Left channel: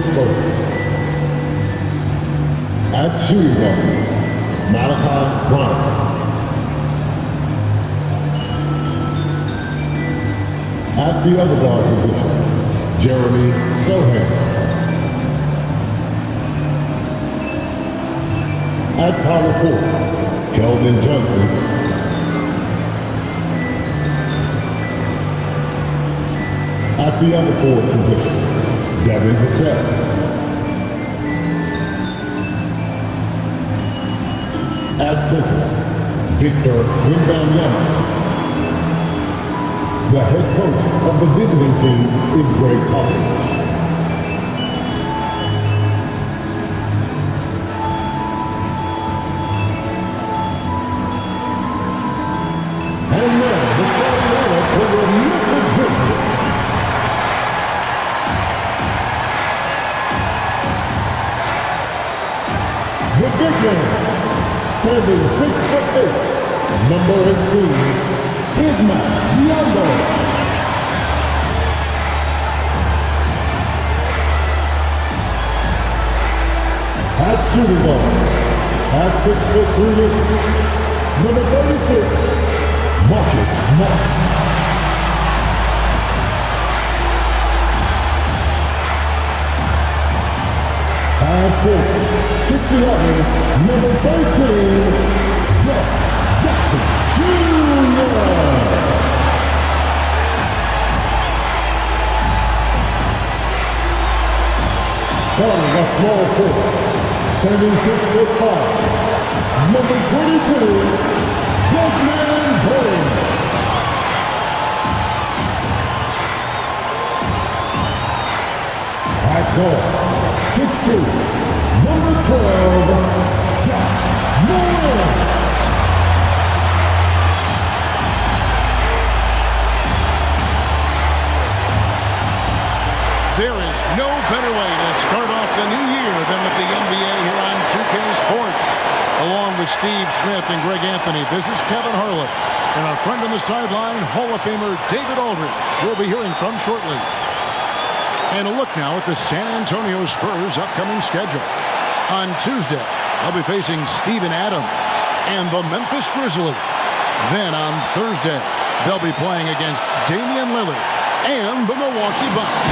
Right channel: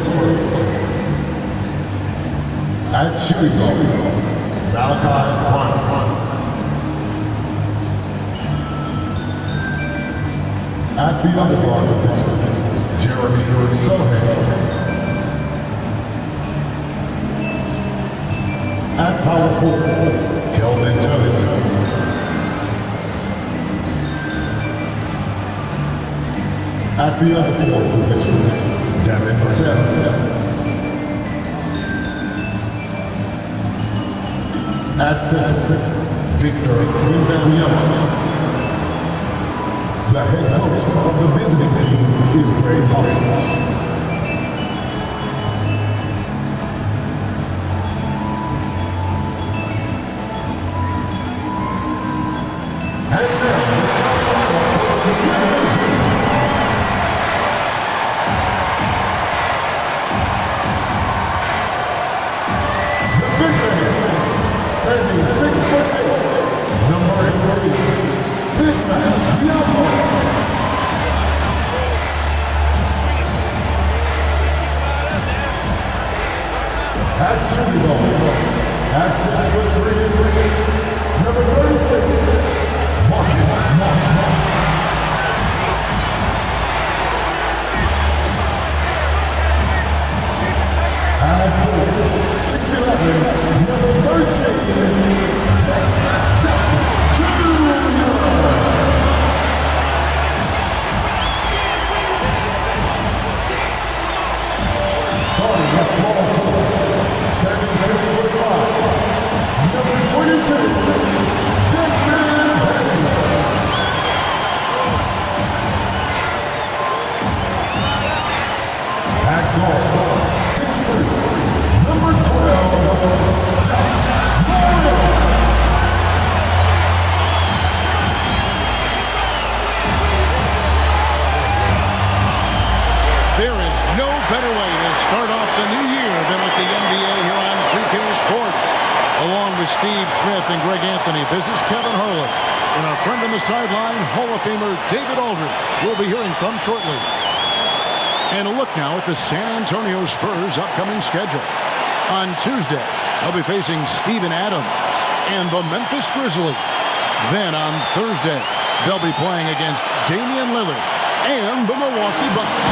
SPURS. At shooting guard, Bryant. At the underdog position, Jeremy Sohan. At power forward, Kelvin Johnson. At the other forward position, Devin Vassell. At center, Victor Wembanyama. The head coach of the visiting team is Greg Popovich. And now, the starting for the Memphis Grizzlies. The big man, standing 6'8", number 18. Nbahighlights. At shooting guard, at 6'3", number 36, Marcus Smart. At forward, 6'11", number 13, Jack Jackson Jr. Starting at small forward, standing 6'5", number 22, Desmond Bain. At guard, 6'3", number 12, Jack Morant. There is no better way to start off the new year than with the NBA here on 2K Sports. Along with Steve Smith and Greg Anthony, this is Kevin Harlan. And our friend on the sideline, Hall of Famer David Aldridge, we'll be hearing from shortly. And a look now at the San Antonio Spurs' upcoming schedule. On Tuesday, they'll be facing Steven Adams and the Memphis Grizzlies. Then on Thursday, they'll be playing against Damian Lillard and the Milwaukee Bucks.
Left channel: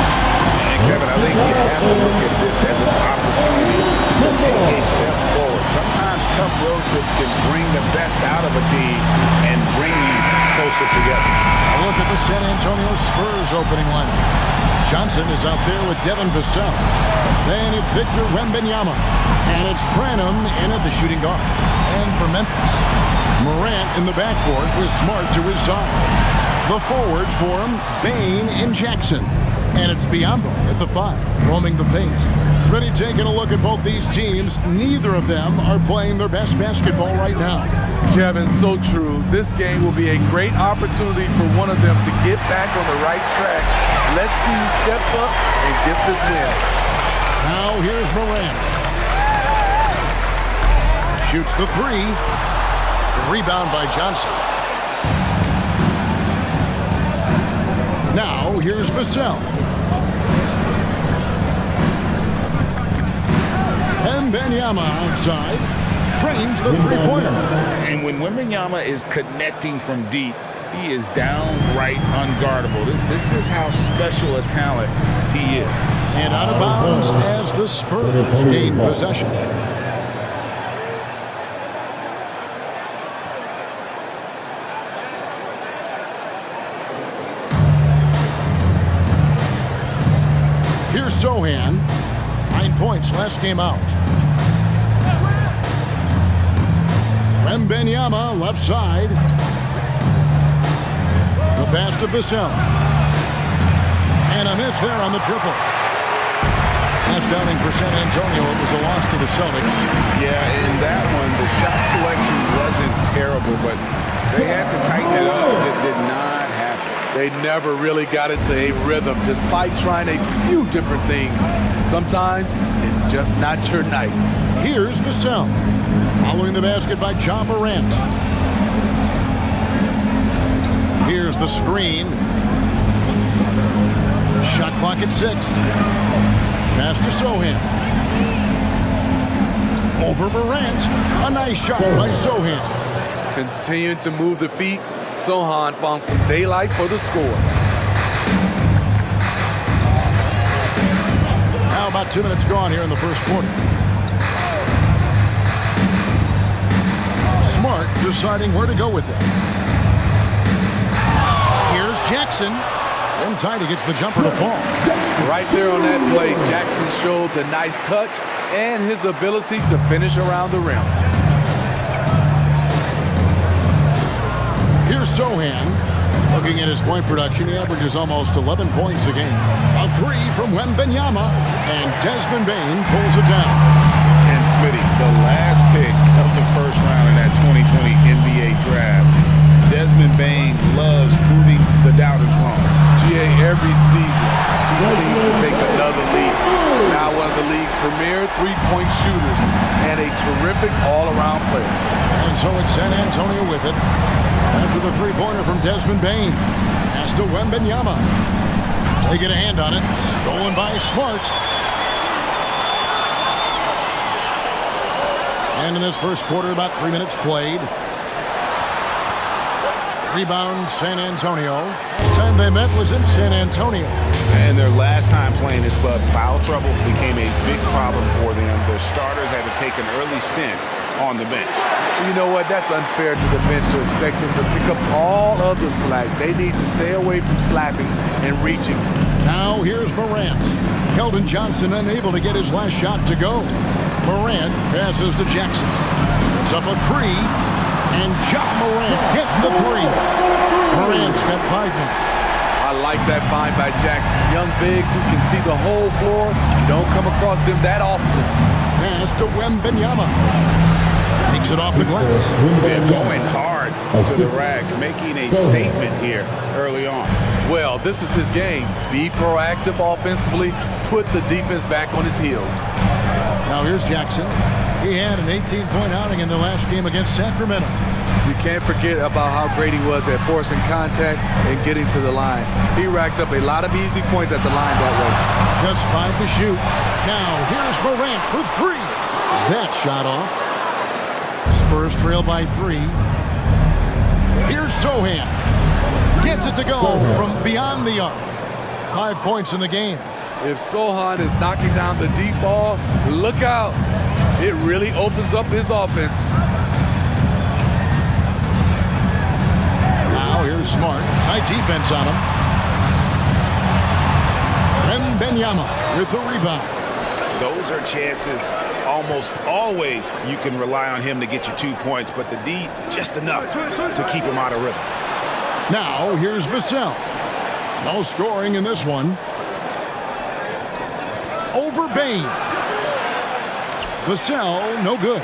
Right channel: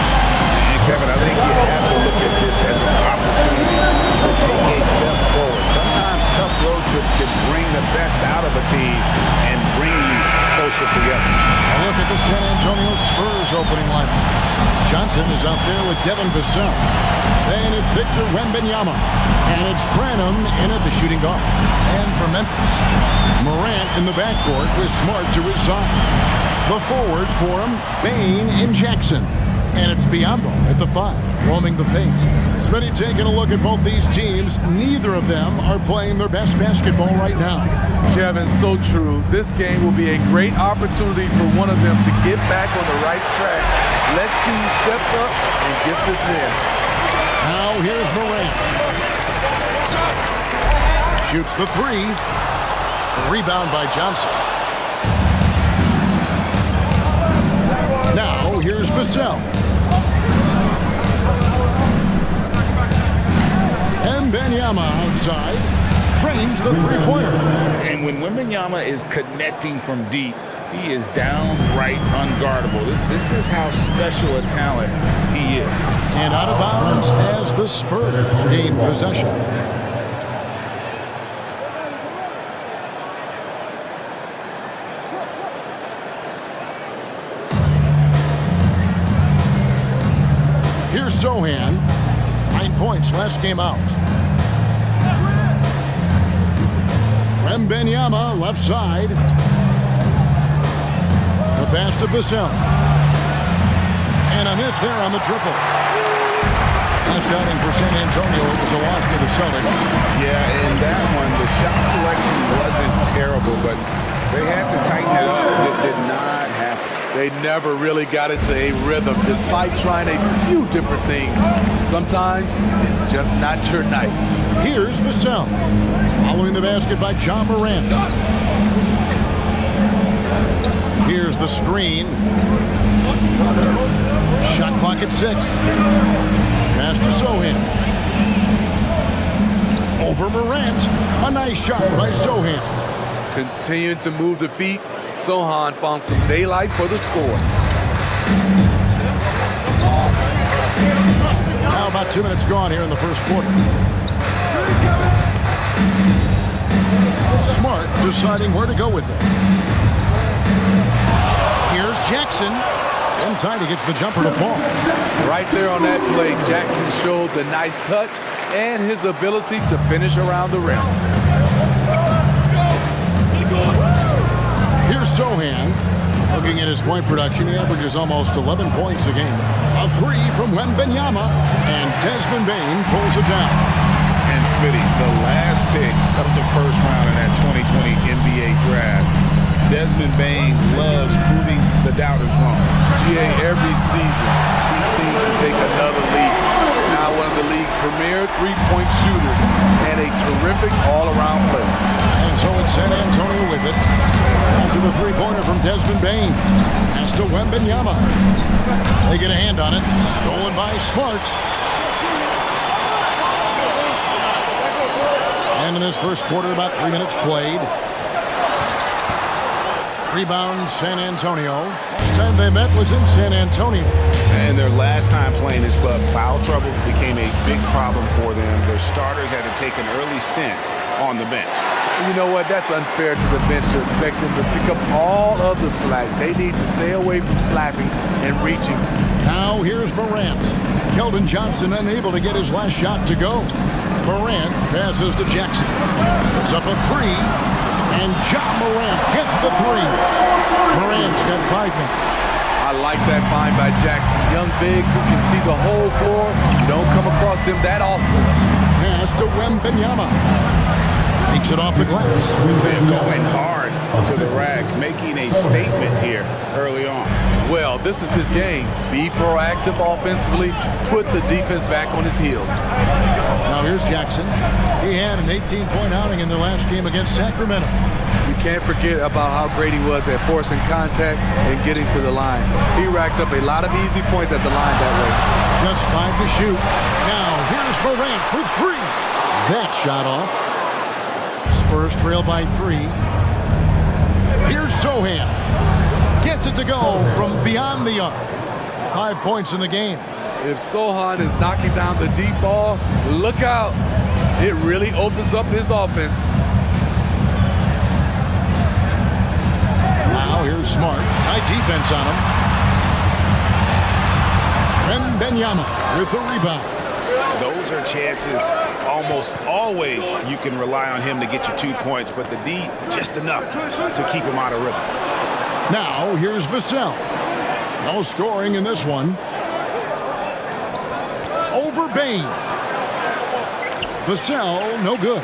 Kevin, I think you have to look at this as an opportunity to take a step forward. Sometimes tough road trips can bring the best out of a team and bring you closer together. A look at the San Antonio Spurs opening lineup. Johnson is out there with Devin Vassell. Then it's Victor Wembanyama. And it's Branham in at the shooting guard. And for Memphis, Morant in the backcourt with Smart to his side. The forwards for him, Bain and Jackson. And it's Biyombo at the 5, roaming the paint. Smitty taking a look at both these teams. Neither of them are playing their best basketball right now. Kevin, so true. This game will be a great opportunity for one of them to get back on the right track. Let's see who steps up and gets this win. Now here's Morant. Shoots the 3. Rebound by Johnson. Now here's Vassell. Wembanyama outside, trains the three-pointer. And when Wembanyama is connecting from deep, he is downright unguardable. This is how special a talent he is. And out of bounds as the Spurs gain possession. Here's Sohan. 9 points last game out. Wembanyama left side. The pass to Vassell. And a miss there on the triple. Last outing for San Antonio, it was a loss to the Celtics. Yeah, in that one, the shot selection wasn't terrible, but they had to tighten it up. It did not happen. They never really got into a rhythm, despite trying a few different things. Sometimes it's just not your night. Here's Vassell. Following the basket by Ja Morant. Here's the screen. Shot clock at 6. Pass pass to Sohan. Over Morant. A nice shot by Sohan. Continuing to move the feet, Sohan found some daylight for the score. Now about 2 minutes gone here in the first quarter. Smart deciding where to go with it. Here's Jackson. And Tiny gets the jumper to fall. Right there on that play, Jackson showed the nice touch and his ability to finish around the rim. Here's Sohan. Looking at his point production, he averages almost 11 points a game. A three from Wembanyama, and Desmond Bane pulls it down. And Smitty, the last pick of the first round in that 2020 NBA draft, Desmond Bane loves proving the doubters wrong. GA, every season, he seems to take another leap. Now one of the league's premier three-point shooters and a terrific all-around player. And so it's San Antonio with it. After the three-pointer from Desmond Bane. Pass to Wembanyama. They get a hand on it. Stolen by Smart. And in this first quarter, about 3 minutes played. Rebound, San Antonio. Last time they met was in San Antonio. And their last time playing this club, foul trouble became a big problem for them. Their starters had to take an early stint on the bench. You know what? That's unfair to the bench to expect them to pick up all of the slack. They need to stay away from slapping and reaching. Now here's Morant. Keldon Johnson unable to get his last shot to go. Morant passes to Jackson. Puts up a three. And Ja Morant gets the three. Morant's got 5 now. I like that find by Jackson. Young bigs who can see the whole floor. You don't come across them that often. Pass to Wembanyama. Takes it off the glass. They're going hard to the rack, making a statement here early on. Well, this is his game. Be proactive offensively. Put the defense back on his heels. Now here's Jackson. He had an 18-point outing in the last game against Sacramento. You can't forget about how great he was at forcing contact and getting to the line. He racked up a lot of easy points at the line that way. Just 5 to shoot. Now here's Morant for 3. That shot off. Spurs trail by 3. Here's Sohan. Gets it to go from beyond the arc. 5 points in the game. If Sohan is knocking down the deep ball, look out. It really opens up his offense. Now here's Smart. Tight defense on him. Wembanyama with the rebound. Those are chances almost always you can rely on him to get you 2 points, but the D just enough to keep him out of rhythm. Now here's Vassell. No scoring in this one. Over Bane. Vassell, no good.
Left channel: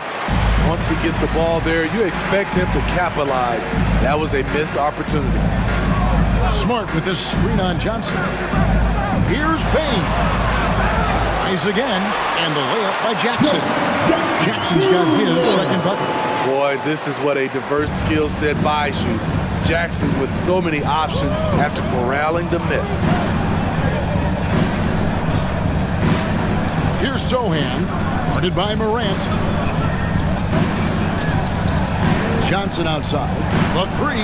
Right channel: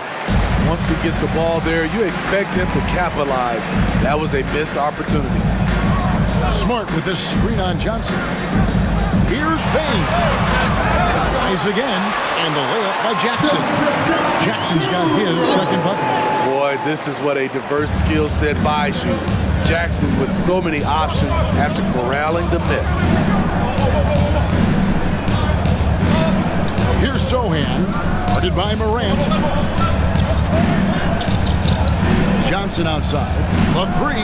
Once he gets the ball there, you expect him to capitalize. That was a missed opportunity. Smart with this screen on Johnson. Here's Bane. Tries again, and the layup by Jackson. Jackson's got his second bucket. Boy, this is what a diverse skill set buys you. Jackson with so many options after corralling the miss. Here's Sohan, guarded by Morant. Johnson outside, the 3,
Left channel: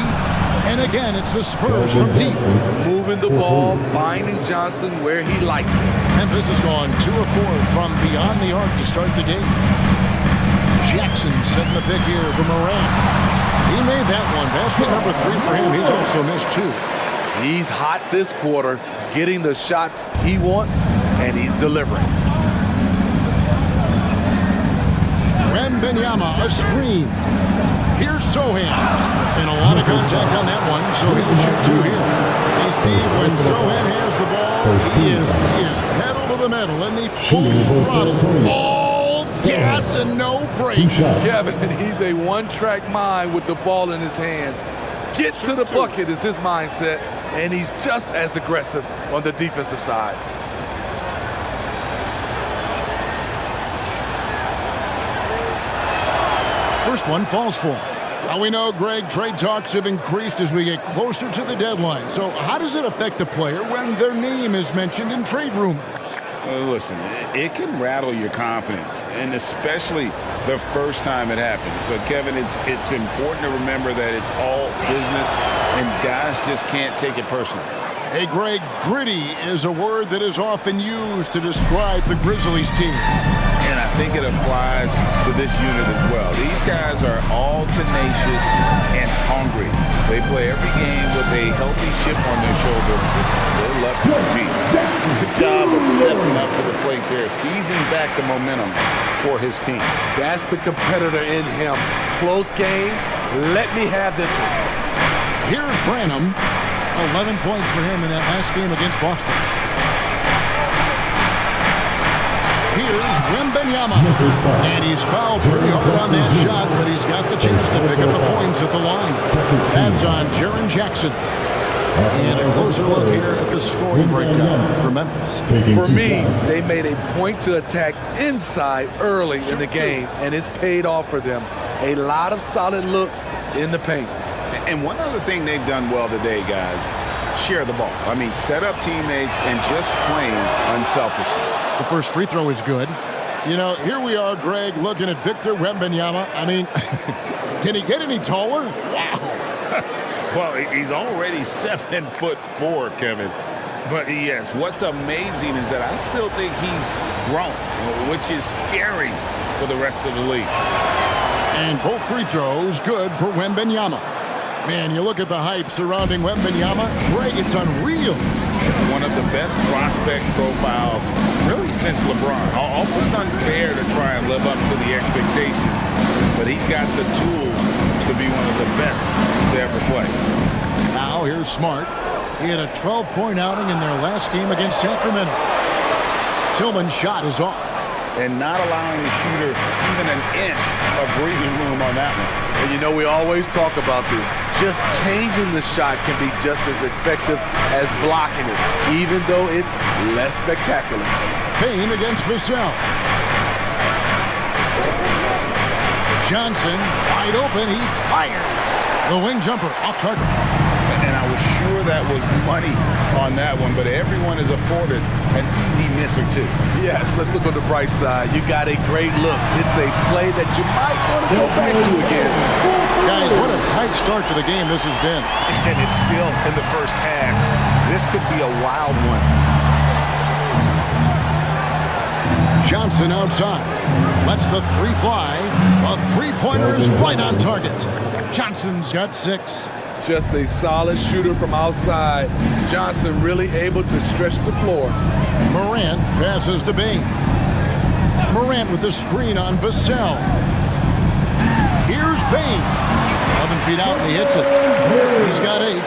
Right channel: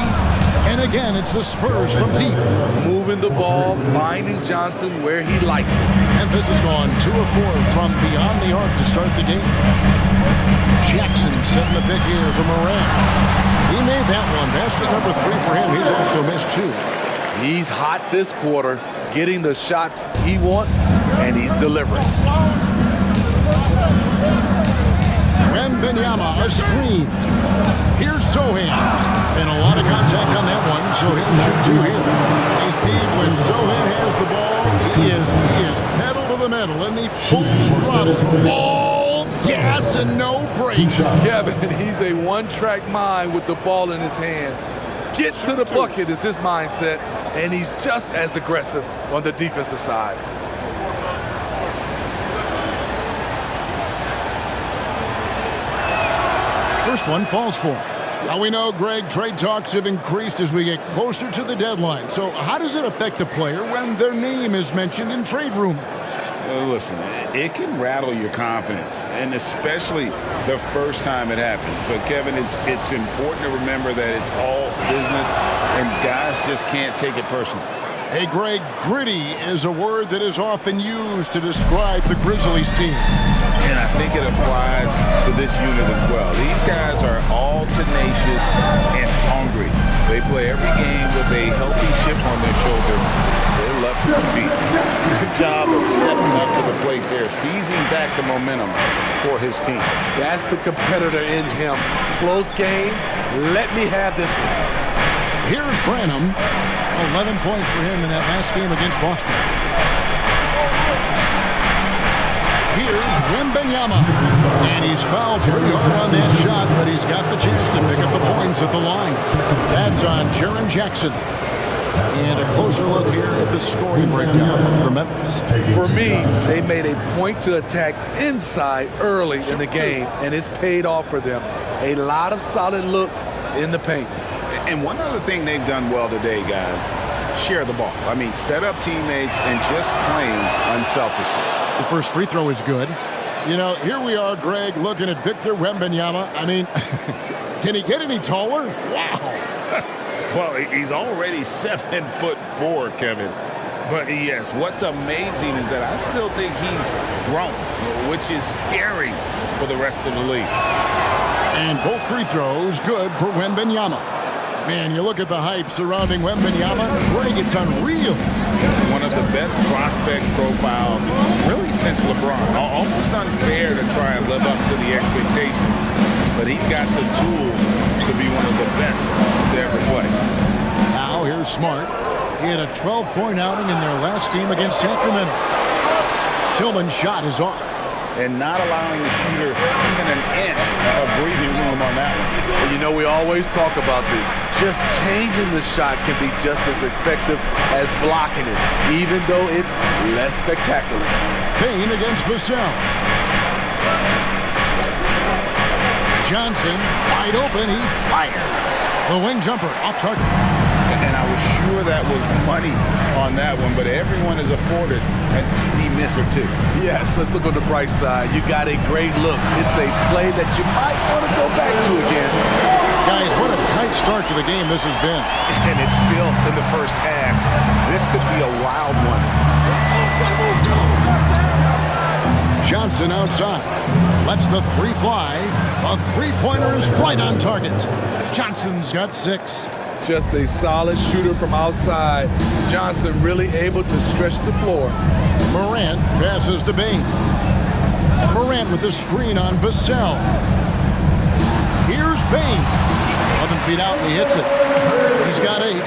and again it's the Spurs from deep. Moving the ball, finding Johnson where he likes it. Memphis has gone 2 of 4 from beyond the arc to start the game. Jackson setting the pick here for Morant. He made that one. Basket number 3 for him. He's also missed 2. He's hot this quarter, getting the shots he wants, and he's delivering. Wembanyama, a screen. Here's Sohan. And a lot of contact on that one, so he'll shoot 2 here. Hey, Steve, when Sohan has the ball, he is pedal to the metal, and he full throttle. All gas and no break. Kevin, he's a one-track mind with the ball in his hands. Get to the bucket is his mindset, and he's just as aggressive on the defensive side. First one falls for him. Now we know, Greg, trade talks have increased as we get closer to the deadline. So how does it affect the player when their name is mentioned in trade rumors? Listen, it can rattle your confidence, and especially the first time it happens. But, Kevin, it's important to remember that it's all business, and guys just can't take it personally. Hey, Greg, gritty is a word that is often used to describe the Grizzlies team. And I think it applies to this unit as well. These guys are all tenacious and hungry. They play every game with a healthy chip on their shoulder. They love to compete. Good job of stepping up to the plate there, seizing back the momentum for his team. That's the competitor in him. Close game. Let me have this one. Here's Branham. 11 points for him in that last game against Boston. Here's Wembanyama, and he's fouled pretty hard on that shot, but he's got the chance to pick up the points at the line. That's on Jaren Jackson. And a closer look here at the scoring breakdown for Memphis. For me, they made a point to attack inside early in the game, and it's paid off for them. A lot of solid looks in the paint. And one other thing they've done well today, guys, share the ball. I mean, set up teammates and just playing unselfishly. The first free throw is good. You know, here we are, Greg, looking at Victor Wembanyama. I mean, can he get any taller? Wow. Well, he's already 7'4", Kevin. But yes, what's amazing is that I still think he's grown, which is scary for the rest of the league. And both free throws good for Wembanyama. Man, you look at the hype surrounding Wembanyama. Greg, it's unreal. One of the best prospect profiles really since LeBron. Almost unfair to try and live up to the expectations, but he's got the tools to be one of the best to ever play. Now here's Smart. He had a 12-point outing in their last game against Sacramento. Tillman's shot is off. And not allowing the shooter even an inch of breathing room on that one. And you know, we always talk about this. Just changing the shot can be just as effective as blocking it, even though it's less spectacular. Payne against Vassell. Johnson, wide open, he fires. The wing jumper off target. And I was sure that was money on that one, but everyone is afforded an easy miss or two. Yes, let's look on the bright side. You got a great look. It's a play that you might want to go back to again. Guys, what a tight start to the game this has been. And it's still in the first half. This could be a wild one. Johnson outside. Lets the three fly. A three-pointer is right on target. Johnson's got 6. Just a solid shooter from outside. Johnson really able to stretch the floor. Morant passes to Bane. Morant with the screen on Vassell. Here's Bane. 11 feet out and he hits it. He's got 8.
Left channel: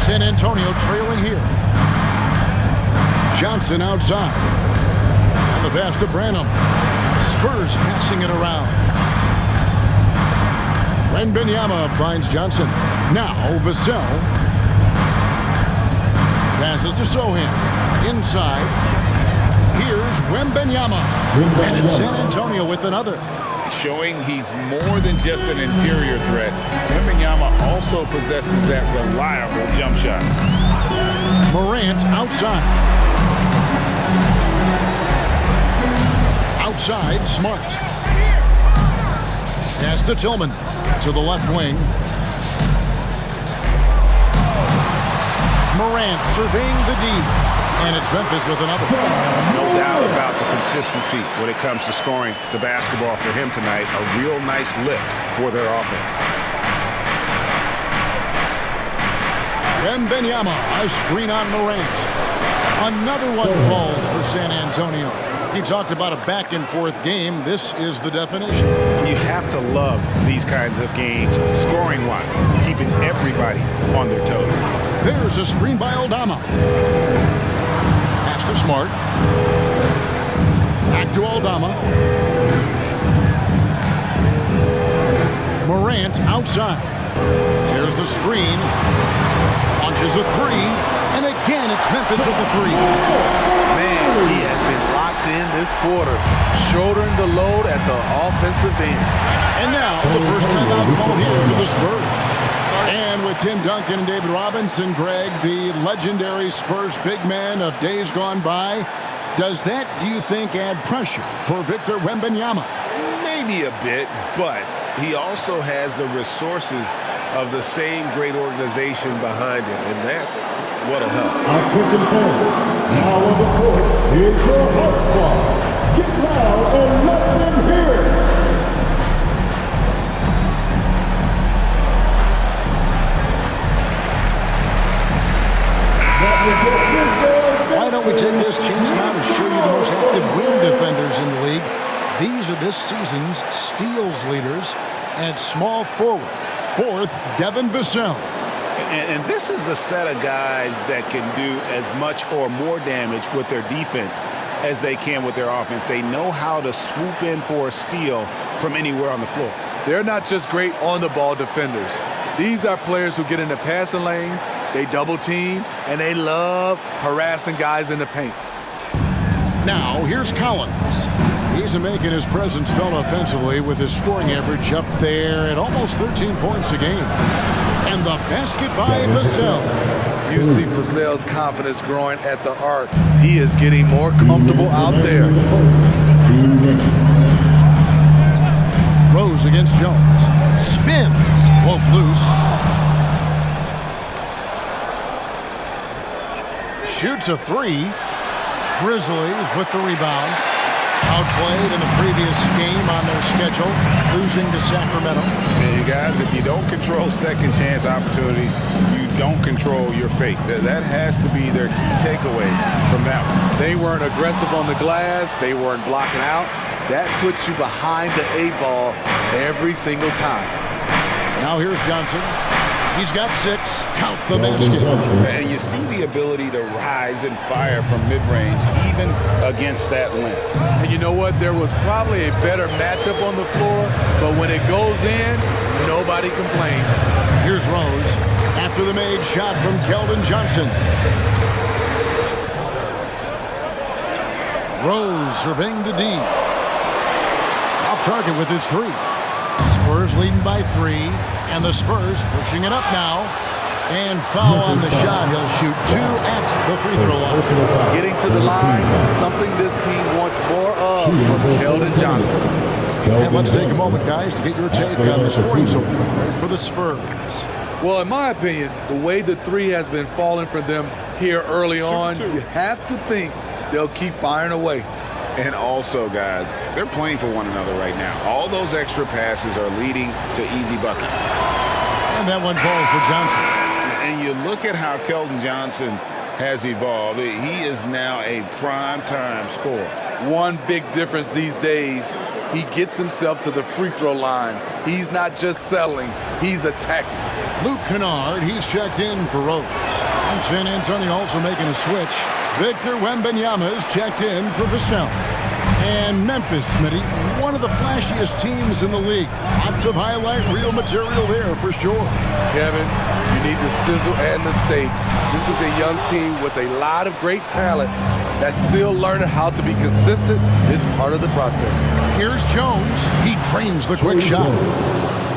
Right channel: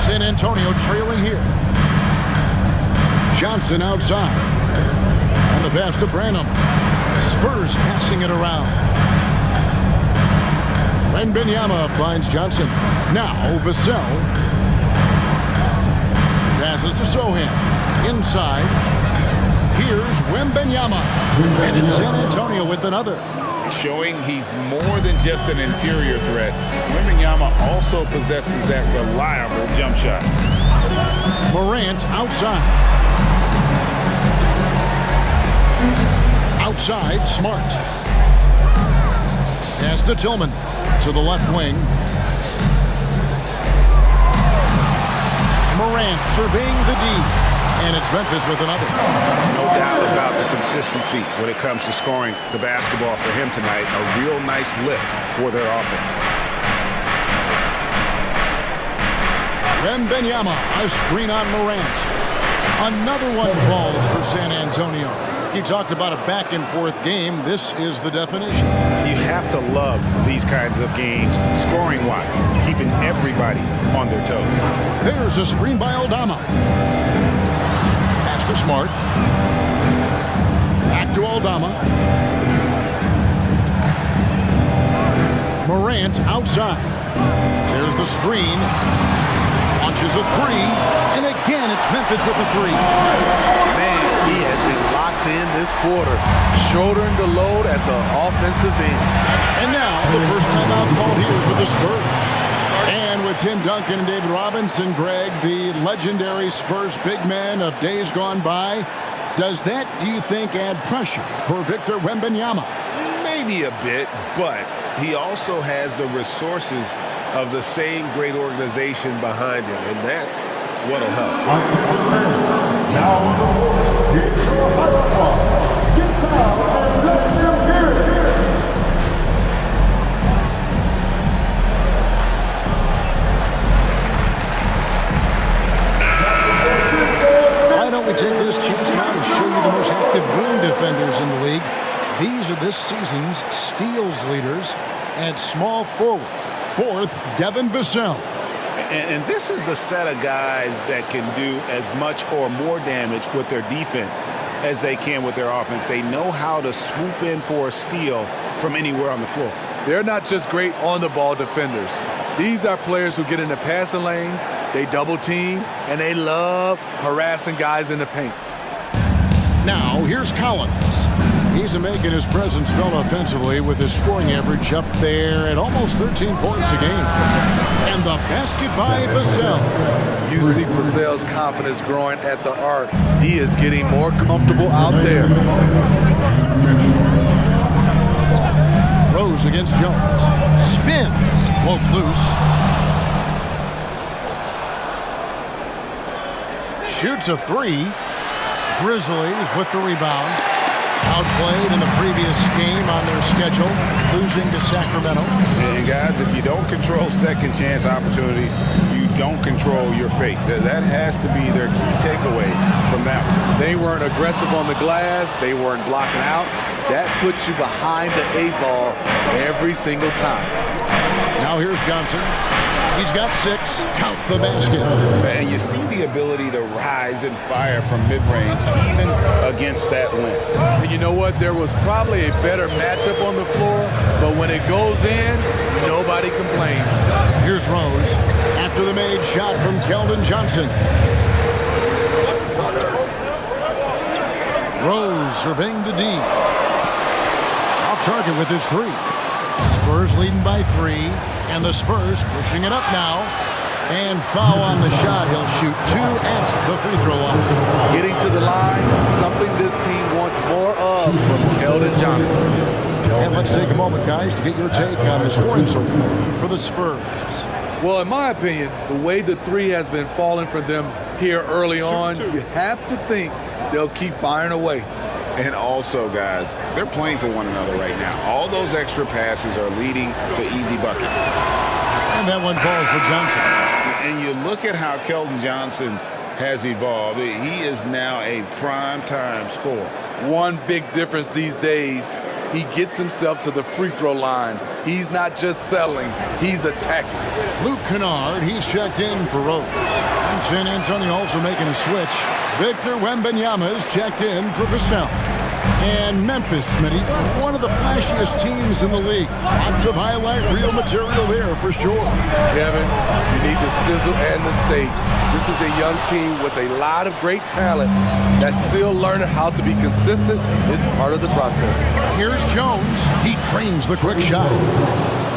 San Antonio trailing here. Johnson outside. And the pass to Branham. Spurs passing it around. Wembanyama finds Johnson. Now Vassell. Passes to Sohan. Inside. Here's Wembanyama. And it's San Antonio with another. Showing he's more than just an interior threat. Wembanyama also possesses that reliable jump shot. Morant outside. Outside, Smart. Pass to Tillman. To the left wing. Morant surveying the D. And it's Memphis with another. No doubt about the consistency when it comes to scoring the basketball for him tonight. A real nice lift for their offense. Wembanyama, a screen on Morant. Another one falls for San Antonio. He talked about a back-and-forth game. This is the definition. You have to love these kinds of games, scoring-wise, keeping everybody on their toes. There's a screen by Aldama. Pass to Smart. Back to Aldama. Morant outside. There's the screen. Launches a 3. And again, it's Memphis with the 3. Man, he has been locked in this quarter, shouldering the load at the offensive end. And now, the first timeout called here for the Spurs. And with Tim Duncan and David Robinson, Greg, the legendary Spurs big men of days gone by, does that, do you think, add pressure for Victor Wembanyama? Maybe a bit, but he also has the resources of the same great organization behind him, and that's what'll help. Attention fans, now on the court, here's your hype squad. Get down and let them hear it. Why don't we take this chance now to show you the most active wing defenders in the league? These are this season's steals leaders. At small forward, fourth, Devin Vassell. And this is the set of guys that can do as much or more damage with their defense as they can with their offense. They know how to swoop in for a steal from anywhere on the floor. They're not just great on-the-ball defenders. These are players who get in the passing lanes, they double team, and they love harassing guys in the paint. Now, here's Collins. He's making his presence felt offensively with his scoring average up there at almost 13 points a game. And the basket by Vassell. You see Vassell's confidence growing at the arc. He is getting more comfortable out there. Rose against Jones. Spins. Cloak loose. Shoots a three. Grizzlies with the rebound. Outplayed in the previous game on their schedule, losing to Sacramento. And guys, if you don't control second chance opportunities, you don't control your fate. That has to be their key takeaway from that one. They weren't aggressive on the glass. They weren't blocking out. That puts you behind the eight ball every single time. Now here's Johnson. He's got 6. Count the basket. And you see the ability to rise and fire from mid-range, even against that length. And you know what? There was probably a better matchup on the floor, but when it goes in, nobody complains. Here's Rose after the made shot from Keldon Johnson. Rose surveying the D. Off target with his 3. Spurs leading by 3. And the Spurs pushing it up now. And foul on the shot. He'll shoot 2 at the free throw line. Getting to the line, something this team wants more of from Keldon Johnson. And let's take a moment, guys, to get your take on the scoring so far for the Spurs. Well, in my opinion, the way the 3 has been falling for them here early on, you have to think they'll keep firing away. And also, guys, they're playing for one another right now. All those extra passes are leading to easy buckets. And that one falls for Johnson. And you look at how Keldon Johnson has evolved. He is now a prime-time scorer. One big difference these days, he gets himself to the free throw line. He's not just settling, he's attacking. Luke Kennard, he's checked in for Rose. And San Antonio also making a switch. Victor Wembanyama is checked in for Vassell. And Memphis, Smitty, one of the flashiest teams in the league. Lots of highlight reel material there for sure. Kevin, you need the sizzle and the steak. This is a young team with a lot of great talent that's still learning how to be consistent. It's part of the process. Here's Jones. He trains the quick shot.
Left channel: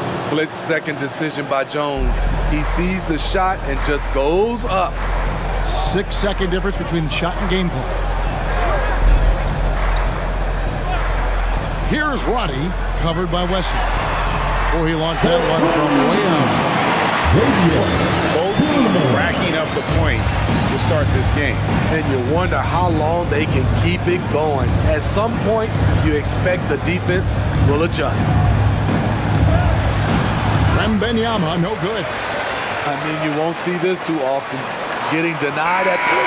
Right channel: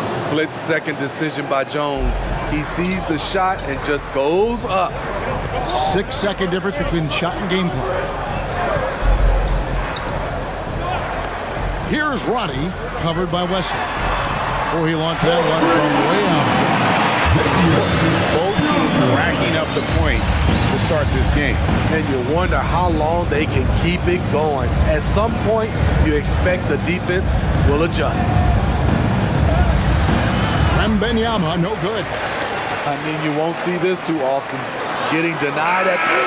Split-second decision by Jones. He sees the shot and just goes up. 6-second difference between the shot and game clock. Here's Roddy, covered by Wesley. Oh, he launched that one from way outside. Both teams racking up the points to start this game. And you wonder how long they can keep it going. At some point, you expect the defense will adjust. Wembanyama, no good. I mean, you won't see this too often. Getting denied at the...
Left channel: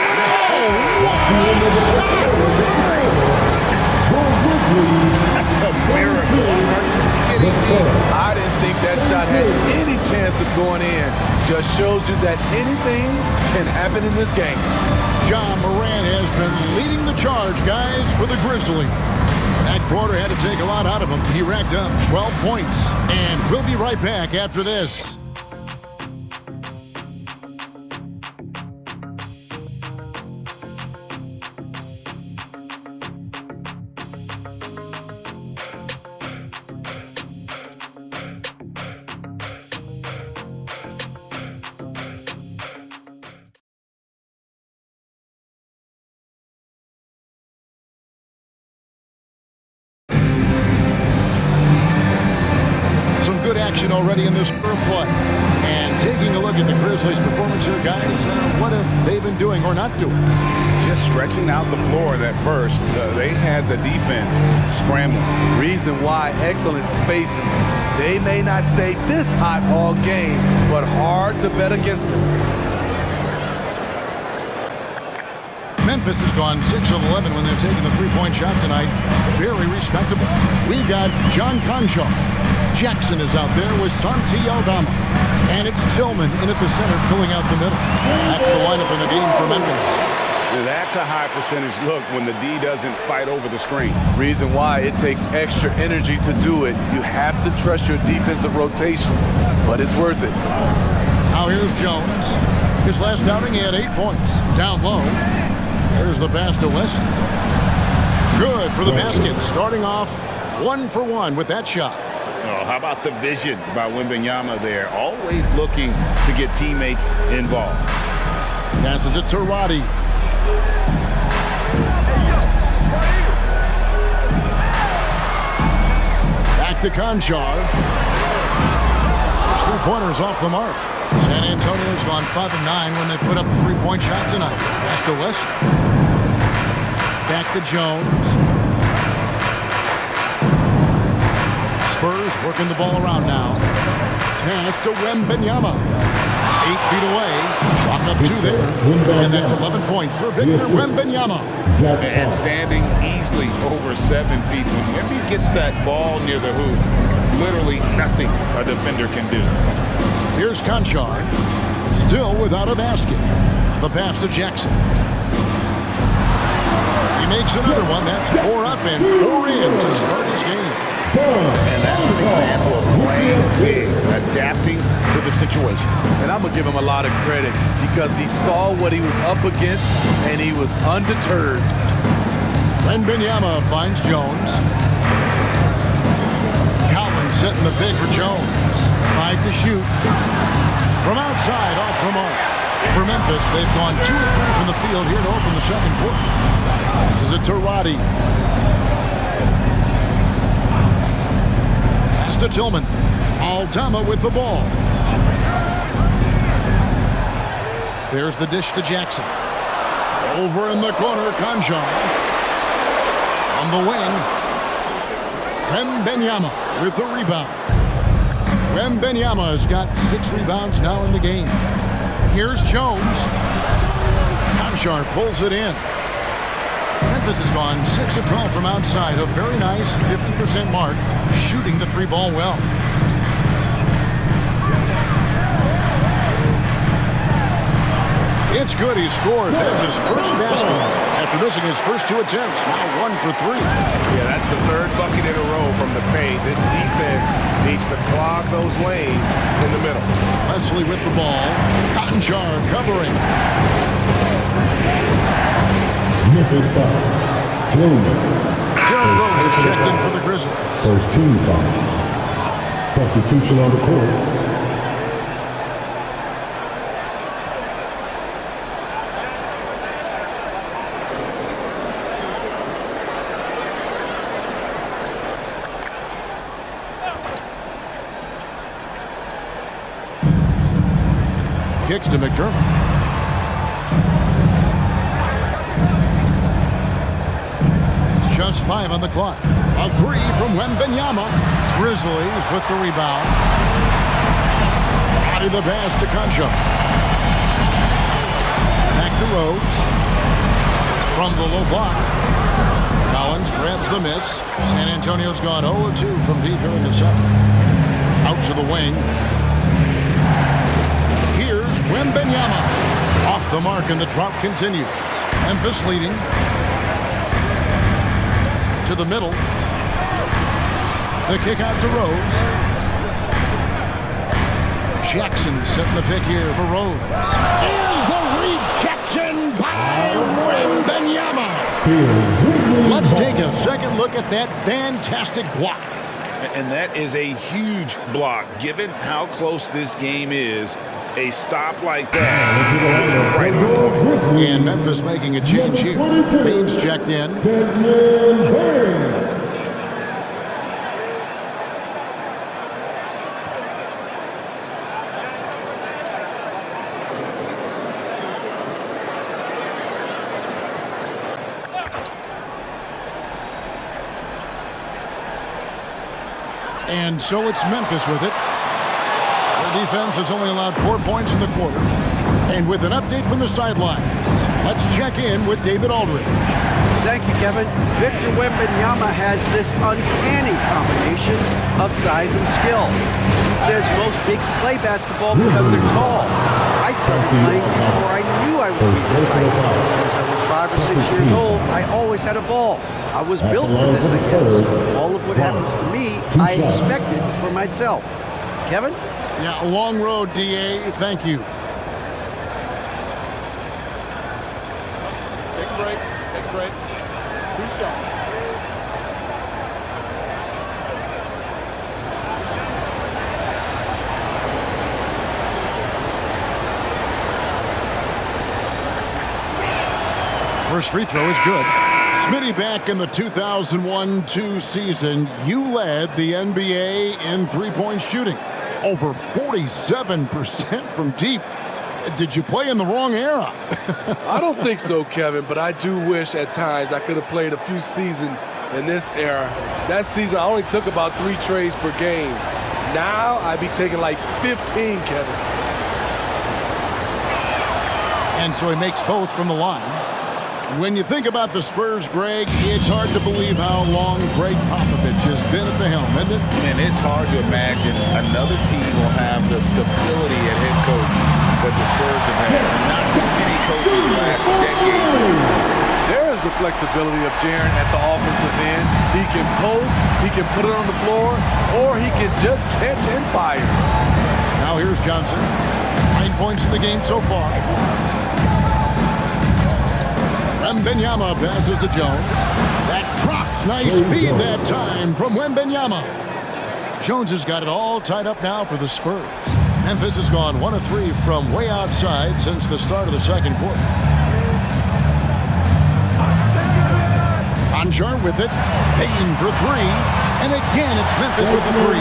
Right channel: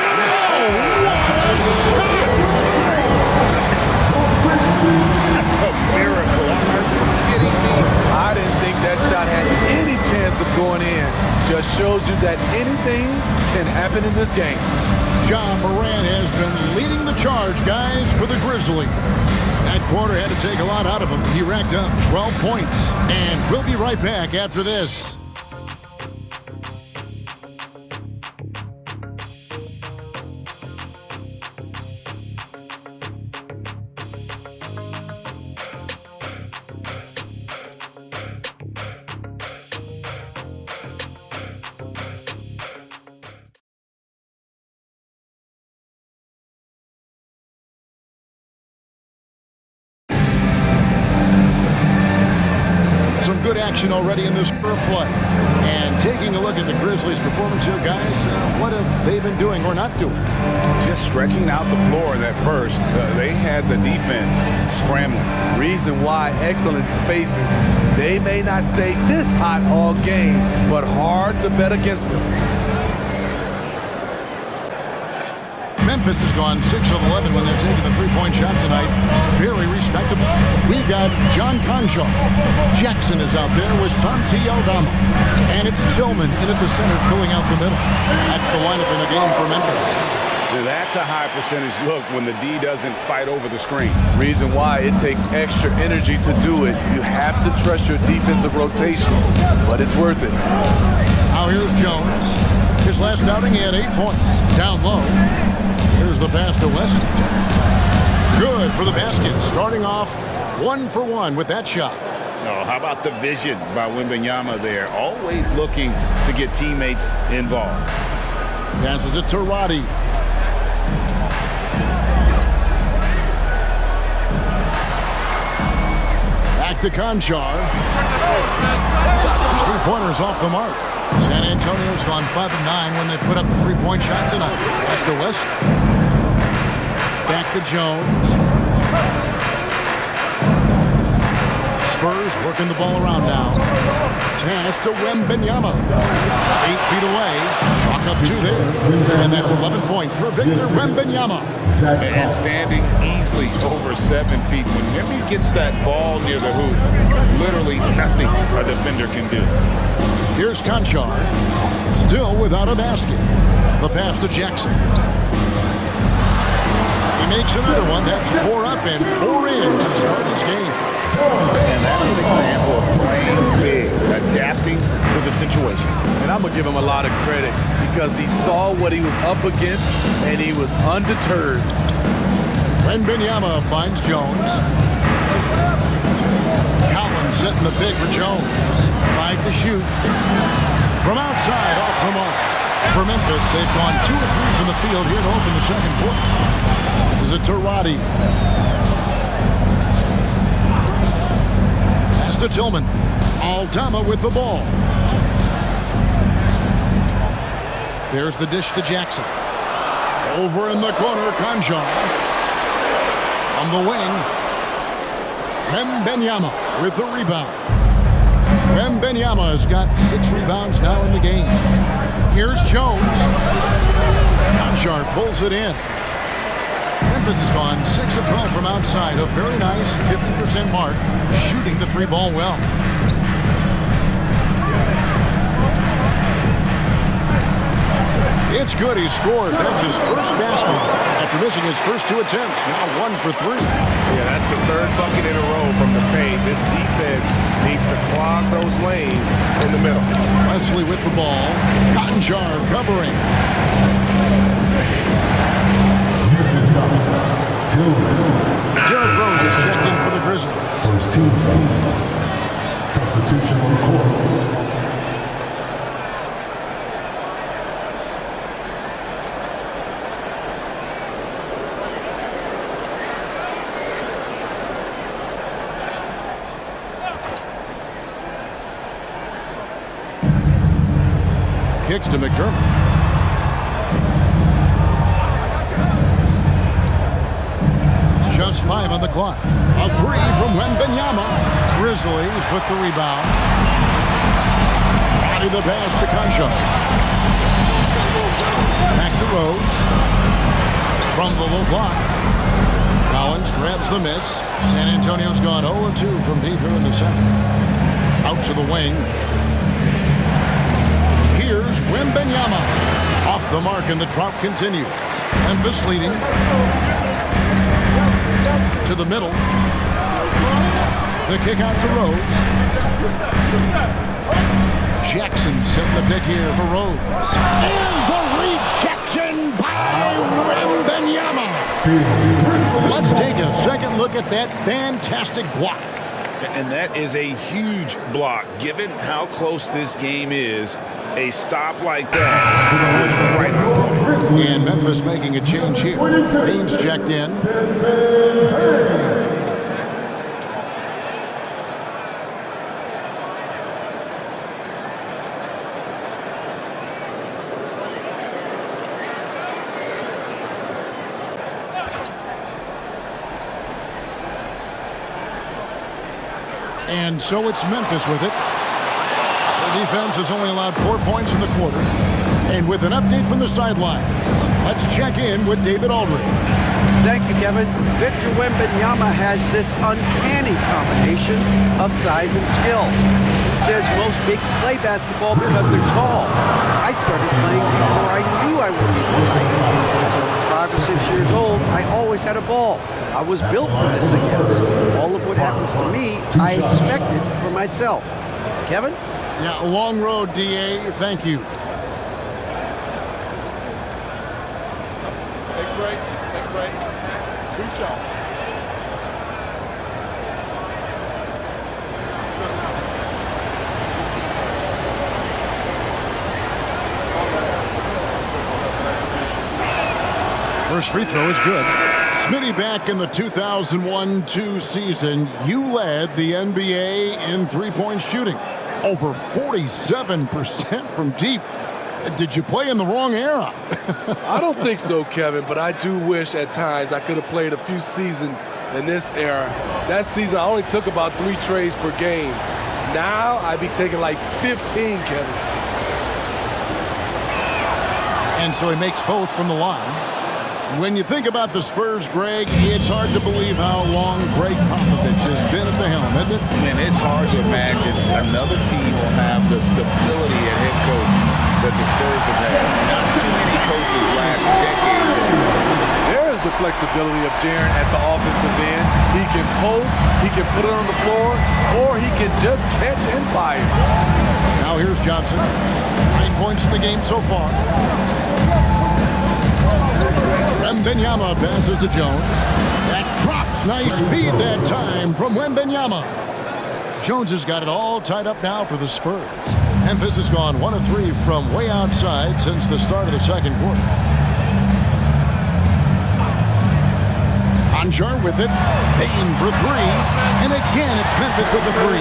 That's a miracle. Are you kidding me? I didn't think that shot had any chance of going in. Just shows you that anything can happen in this game. John Moran has been leading the charge, guys, for the Grizzlies. That quarter had to take a lot out of him. He racked up 12 points. And we'll be right back after this. Some good action already in this play. And taking a look at the Grizzlies' performance here, guys, what have they been doing or not doing? Just stretching out the floor that first. They had the defense scrambling. Reason why, excellent spacing. They may not stay this hot all game, but hard to bet against them. Memphis has gone 6 of 11 when they're taking the three-point shot tonight. Very respectable. We've got John Conchar. Jackson is out there with Santi Aldama. And it's Tillman in at the center, filling out the middle. That's the lineup in the game for Memphis. That's a high percentage look when the D doesn't fight over the screen. Reason why, it takes extra energy to do it. You have to trust your defensive rotations, but it's worth it. Now here's Jones. His last outing, he had 8 points. Down low. There's the pass to Wesson. Good for the basket. Starting off 1 for 1 with that shot. Oh, how about the vision by Wembanyama there? Always looking to get teammates involved. Passes it to Roddy. Back to Conchar. There's 3-pointers off the mark. San Antonio's gone 5 of 9 when they put up the 3-point shot tonight. Pass to Wesson. Back to Jones. Spurs working the ball around now. Pass to Wembanyama. 8 feet away. Chalk up 2 there. And that's 11 points for Victor Wembanyama. And standing easily over 7 feet. When Wemby gets that ball near the hoop, literally nothing a defender can do. Here's Conchar. Still without a basket. The pass to Jackson. He makes another one. That's 4 up and 4 in to start his game. And that's an example of playing big, adapting to the situation. And I'm going to give him a lot of credit because he saw what he was up against and he was undeterred. Wembanyama finds Jones. Collins setting the pick for Jones. 5 to shoot. From outside, off the mark. For Memphis, they've gone 2 of 3 from the field here to open the second quarter. This is it to Roddy. Pass to Tillman. Aldama with the ball. There's the dish to Jackson. Over in the corner, Conchar. From the wing. Wembanyama with the rebound. Wembanyama has got 6 rebounds now in the game. Here's Jones. Conchar pulls it in. Memphis has gone 6 of 12 from outside. A very nice 50% mark, shooting the 3-ball well. It's good. He scores. That's his first basket after missing his first 2 attempts. Now 1 for 3. Yeah, that's the 3rd bucket in a row from the paint. This defense needs to clog those lanes in the middle. Wesley with the ball. Conchar covering. Memphis foul. Tillman. Derrick Rose is checked in for the Grizzlies. First team foul. Substitution on the court. Kicks to McDermott. Just 5 on the clock. A 3 from Wembanyama. Grizzlies with the rebound. Roddy the pass to Conchar. Back to Rose. From the low block. Collins grabs the miss. San Antonio's gone 0-2 from deep here in the second. Out to the wing. Here's Wembanyama. Off the mark and the drop continues. Memphis leading. To the middle. The kick out to Rose. Jackson setting the pick here for Rose. And the rejection by Wembanyama. Let's take a second look at that fantastic block. And that is a huge block. Given how close this game is, a stop like that was right on point. And Memphis making a change here. Baines checked in. And so it's Memphis with it. Their defense has only allowed 4 points in the quarter. And with an update from the sidelines, let's check in with David Aldridge. Thank you, Kevin. Victor Wembanyama has this uncanny combination of size and skill. He says most bigs play basketball because they're tall. I started playing before I knew I would be this height. Since I was 5 or 6 years old, I always had a ball. I was built for this, I guess. All of what happens to me, I expected for myself. Kevin? Yeah, a long road, D.A. Thank you. Take a break. Take a break. 2 shots. First free throw is good. Smitty, back in the 2001-2 season, you led the NBA in three-point shooting. Over 47% from deep. Did you play in the wrong era? I don't think so, Kevin, but I do wish at times I could have played a few seasons in this era. That season, I only took about 3 trades per game. Now, I'd be taking like 15, Kevin. And so he makes both from the line. When you think about the Spurs, Greg, it's hard to believe how long Greg Popovich has been at the helm, isn't it? Man, it's hard to imagine another team will have the stability at head coach that the Spurs have had. Not too many coaches last decades. There is the flexibility of Jaren at the offensive end. He can post, he can put it on the floor, or he can just catch and fire. Now here's Johnson. 9 points in the game so far. Wembanyama passes to Jones. That drops. Nice feed that time from Wembanyama. Jones has got it all tied up now for the Spurs. Memphis has gone 1 of 3 from way outside since the start of the second quarter. Conjar with it. Payne for 3. And again, it's Memphis with the 3.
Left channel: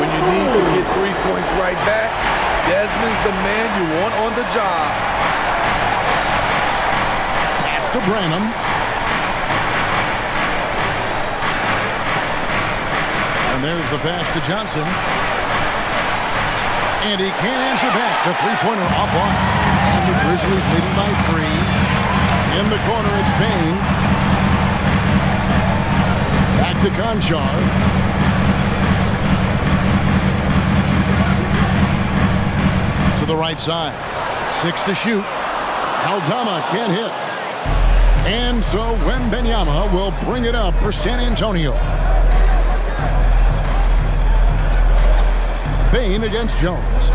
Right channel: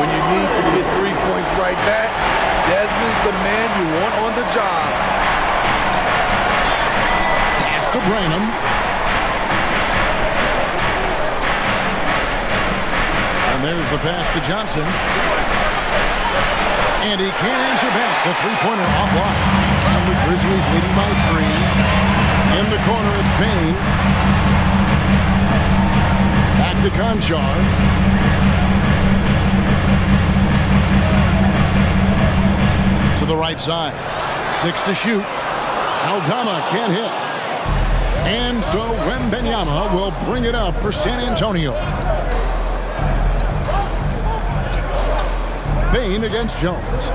When you need to get 3 points right back, Desmond's the man you want on the job. Pass to Branham. And there's the pass to Johnson. And he can't answer back. The three-pointer offline. And the Grizzlies leading by 3. In the corner, it's Payne. Back to Conchar. To the right side. 6 to shoot. Aldama can't hit. And so Wembanyama will bring it up for San Antonio. Payne against Jones.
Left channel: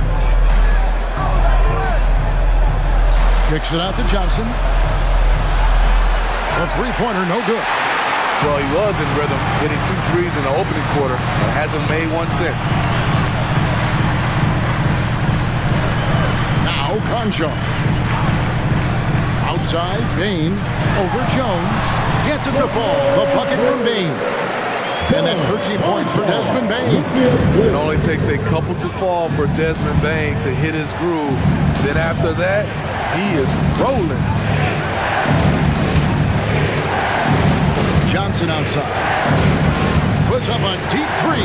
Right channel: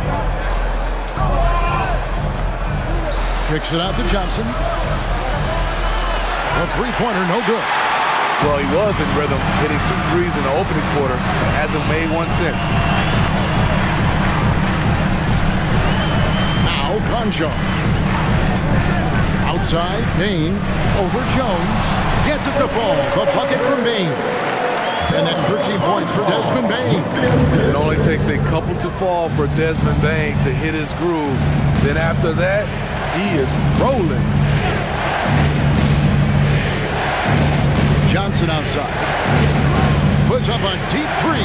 Kicks it out to Johnson. The three-pointer, no good. Well, he was in rhythm, hitting 2 threes in the opening quarter, but hasn't made one since. Now Conchar. Outside, Payne over Jones. Gets it to fall. The bucket from Payne. And that's 13 points for Desmond Bane. It only takes a couple to fall for Desmond Bane to hit his groove. Then after that, he is rolling. Johnson outside. Puts up a deep 3.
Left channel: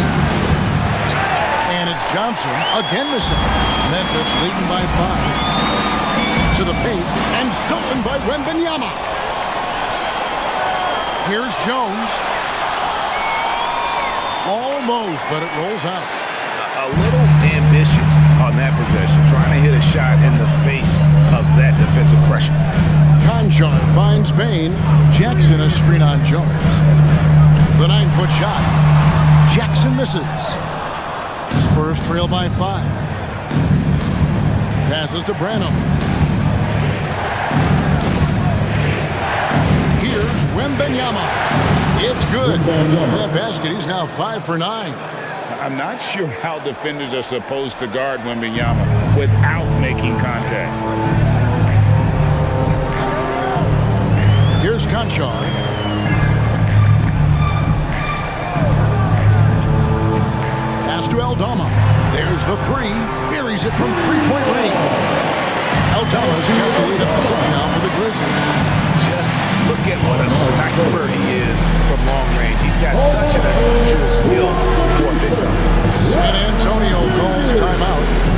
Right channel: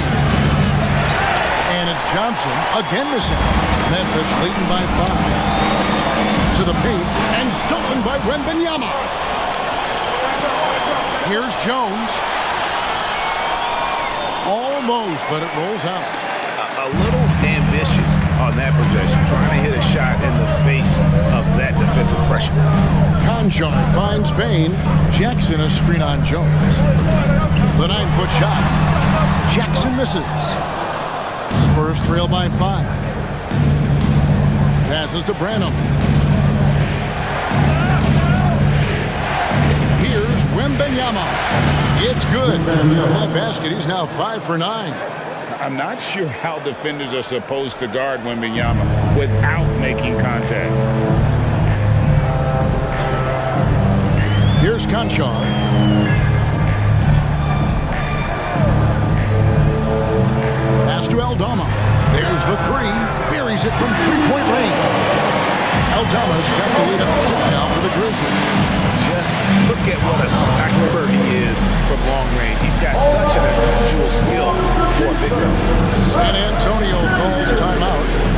And it's Johnson again missing. Memphis leading by 5. To the paint and stolen by Wembanyama. Here's Jones. Almost, but it rolls out. A little ambitious on that possession, trying to hit a shot in the face of that defensive pressure. Conchar finds Payne. Jackson a screen on Jones. The 9-foot shot. Jackson misses. Spurs trail by 5. Passes to Branham. Here's Wembanyama. It's good. That basket, he's now 5 for 9. I'm not sure how defenders are supposed to guard Wembanyama without making contact. Here's Conchar. Pass to Aldama. There's the 3. Buries it from three-point range. Aldama's got the lead up to 6 now for the Grizzlies. just look at what a sniper he is from long range. He's got such an unusual skill for a big fella. San Antonio calls timeout.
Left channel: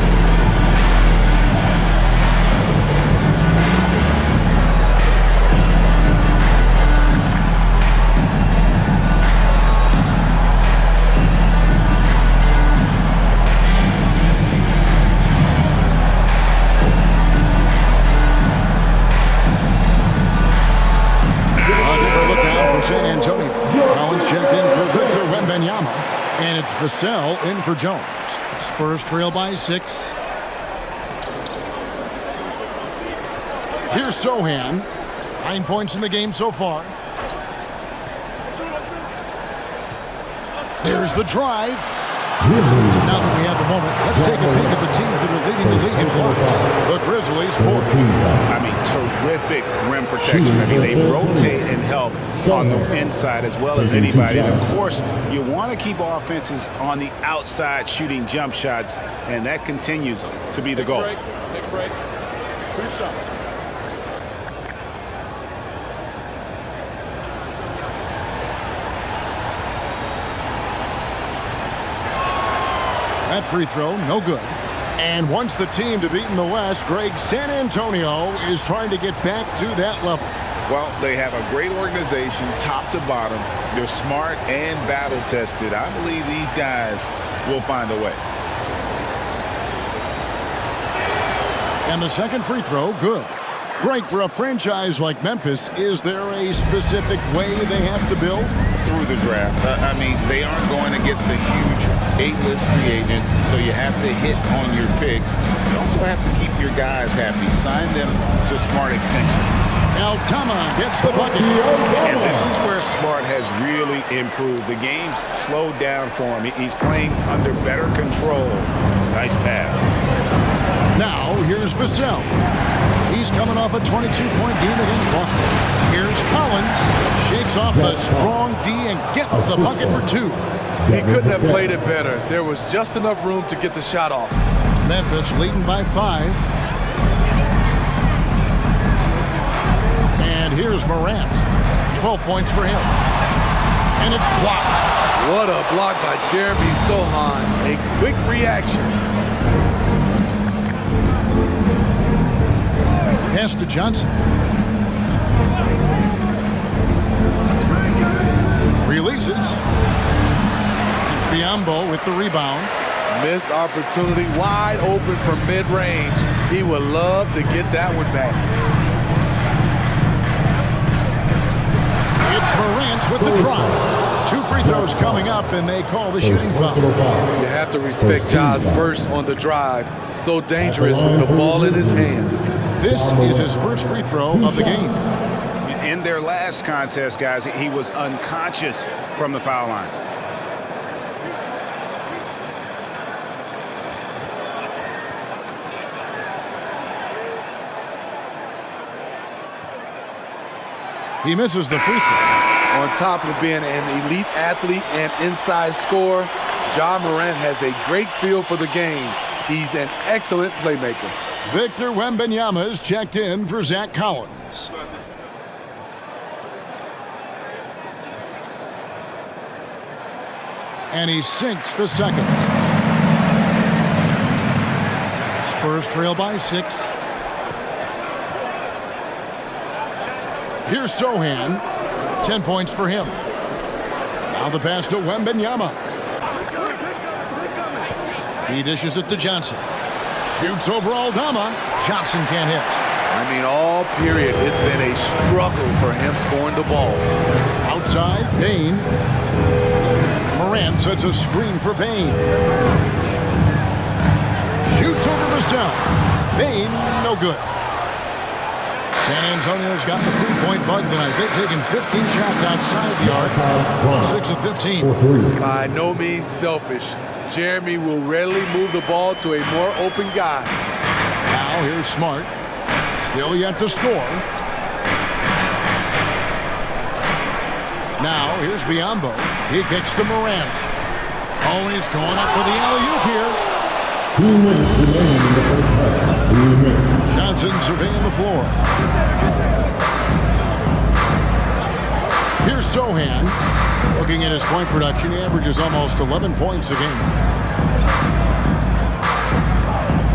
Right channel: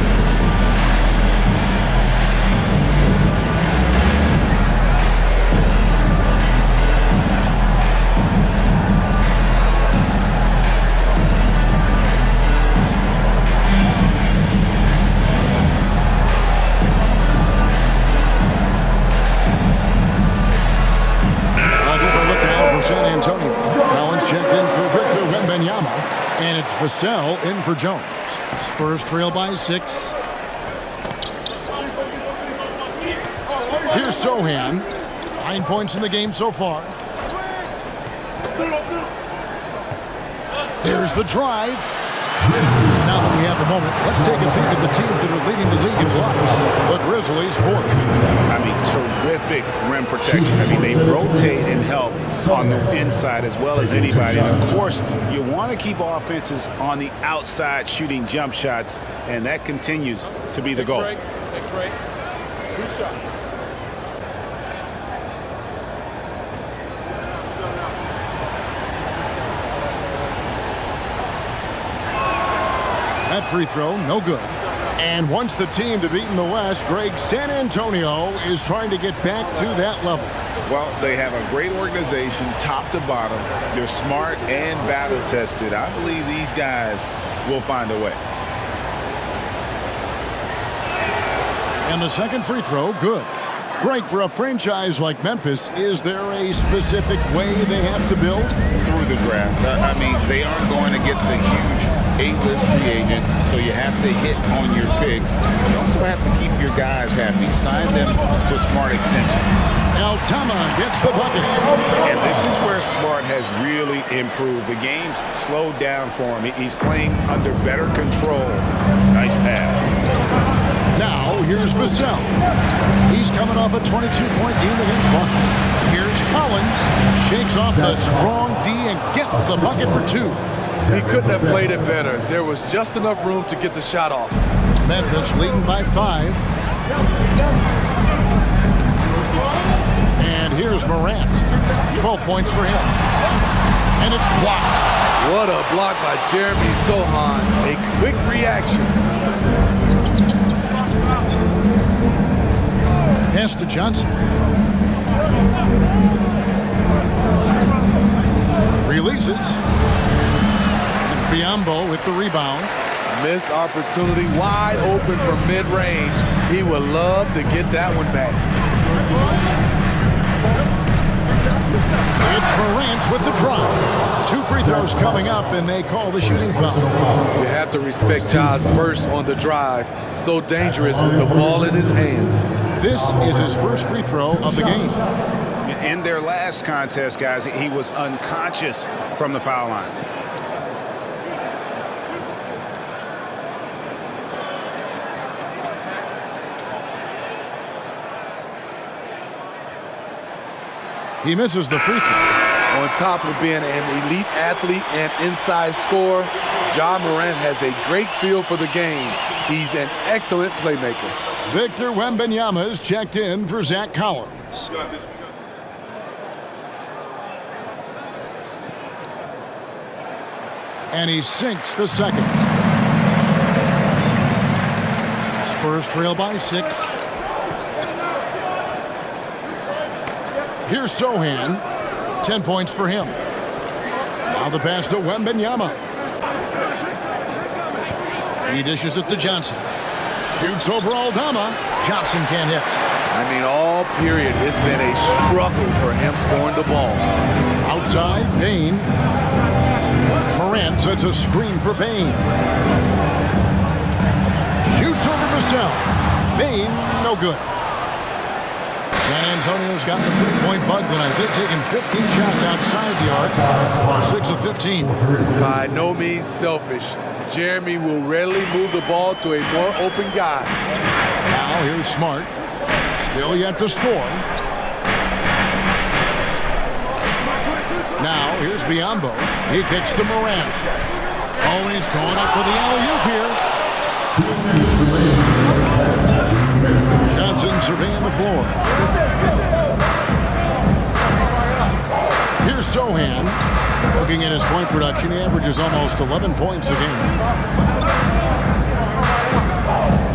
San Antonio. Collins checked in for Victor Wembanyama, and it's Vassell in for Jones. Spurs trail by 6. Here's Sohan. 9 points in the game so far. There's the drive. Now that we have a moment, let's take a peek at the teams that are leading the league in blocks. The Grizzlies 4th. I mean, terrific rim protection. I mean, they rotate and help on the inside as well as anybody. And, of course, you want to keep offenses on the outside shooting jump shots, and that continues to be the goal. Take a break. 2 shots. That free throw, no good. And once the team to beat in the West, Greg, San Antonio is trying to get back to that level. Well, they have a great organization, top to bottom. They're smart and battle-tested. I believe these guys will find a way. And the second free throw, good. Greg, for a franchise like Memphis, is there a specific way they have to build? Through the draft. I mean, they aren't going to get the huge 8-list free agents, so you have to hit on your picks. You also have to keep your guys happy. Sign them to smart extensions. Altama gets the bucket. And this is where Smart has really improved. The game's slowed down for him. He's playing under better control. Nice pass. Now, here's Vassell. He's coming off a 22-point game against Boston. Here's Collins. Shakes off the strong D and gets the bucket for 2. He couldn't have played it better. There was just enough room to get the shot off. Memphis leading by 5. And here's Morant. 12 points for him. And it's blocked. What a block by Jeremy Sohan. A quick reaction. Pass to Johnson. Releases. It's Biyombo with the rebound. Missed opportunity, wide open from mid-range. He would love to get that one back. It's Morant with the drive. 2 free throws coming up, and they call the shooting foul. You have to respect Ja's burst on the drive. So dangerous with the ball in his hands. This is his first free throw of the game. In their last contest, guys, he was unconscious from the foul line. He misses the free throw. On top of being an elite athlete and inside scorer, Ja Morant has a great feel for the game. He's an excellent playmaker. Victor Wembanyama is checked in for Zach Collins. And he sinks the second. Spurs trail by 6. Here's Sohan. 10 points for him. Now the pass to Wembanyama. He dishes it to Johnson. Shoots over Aldama. Johnson can't hit. I mean, all period, it's been a struggle for him scoring the ball. Outside, Bain. Morant sets a screen for Bain. Shoots over Vassell. Bain, no good. San Antonio's got the three-point bug tonight. They've taken 15 shots outside the arc, 6 of 15. By no means selfish. Jeremy will rarely move the ball to a more open guy. Now here's Smart. Still yet to score. Now here's Biyombo. He kicks to Morant. Oh, he's going up for the alley-oop here. 2 minutes remaining in the first half. 2 minutes. Johnson surveying the floor. Here's Sohan. Looking at his point production, he averages almost 11 points a game.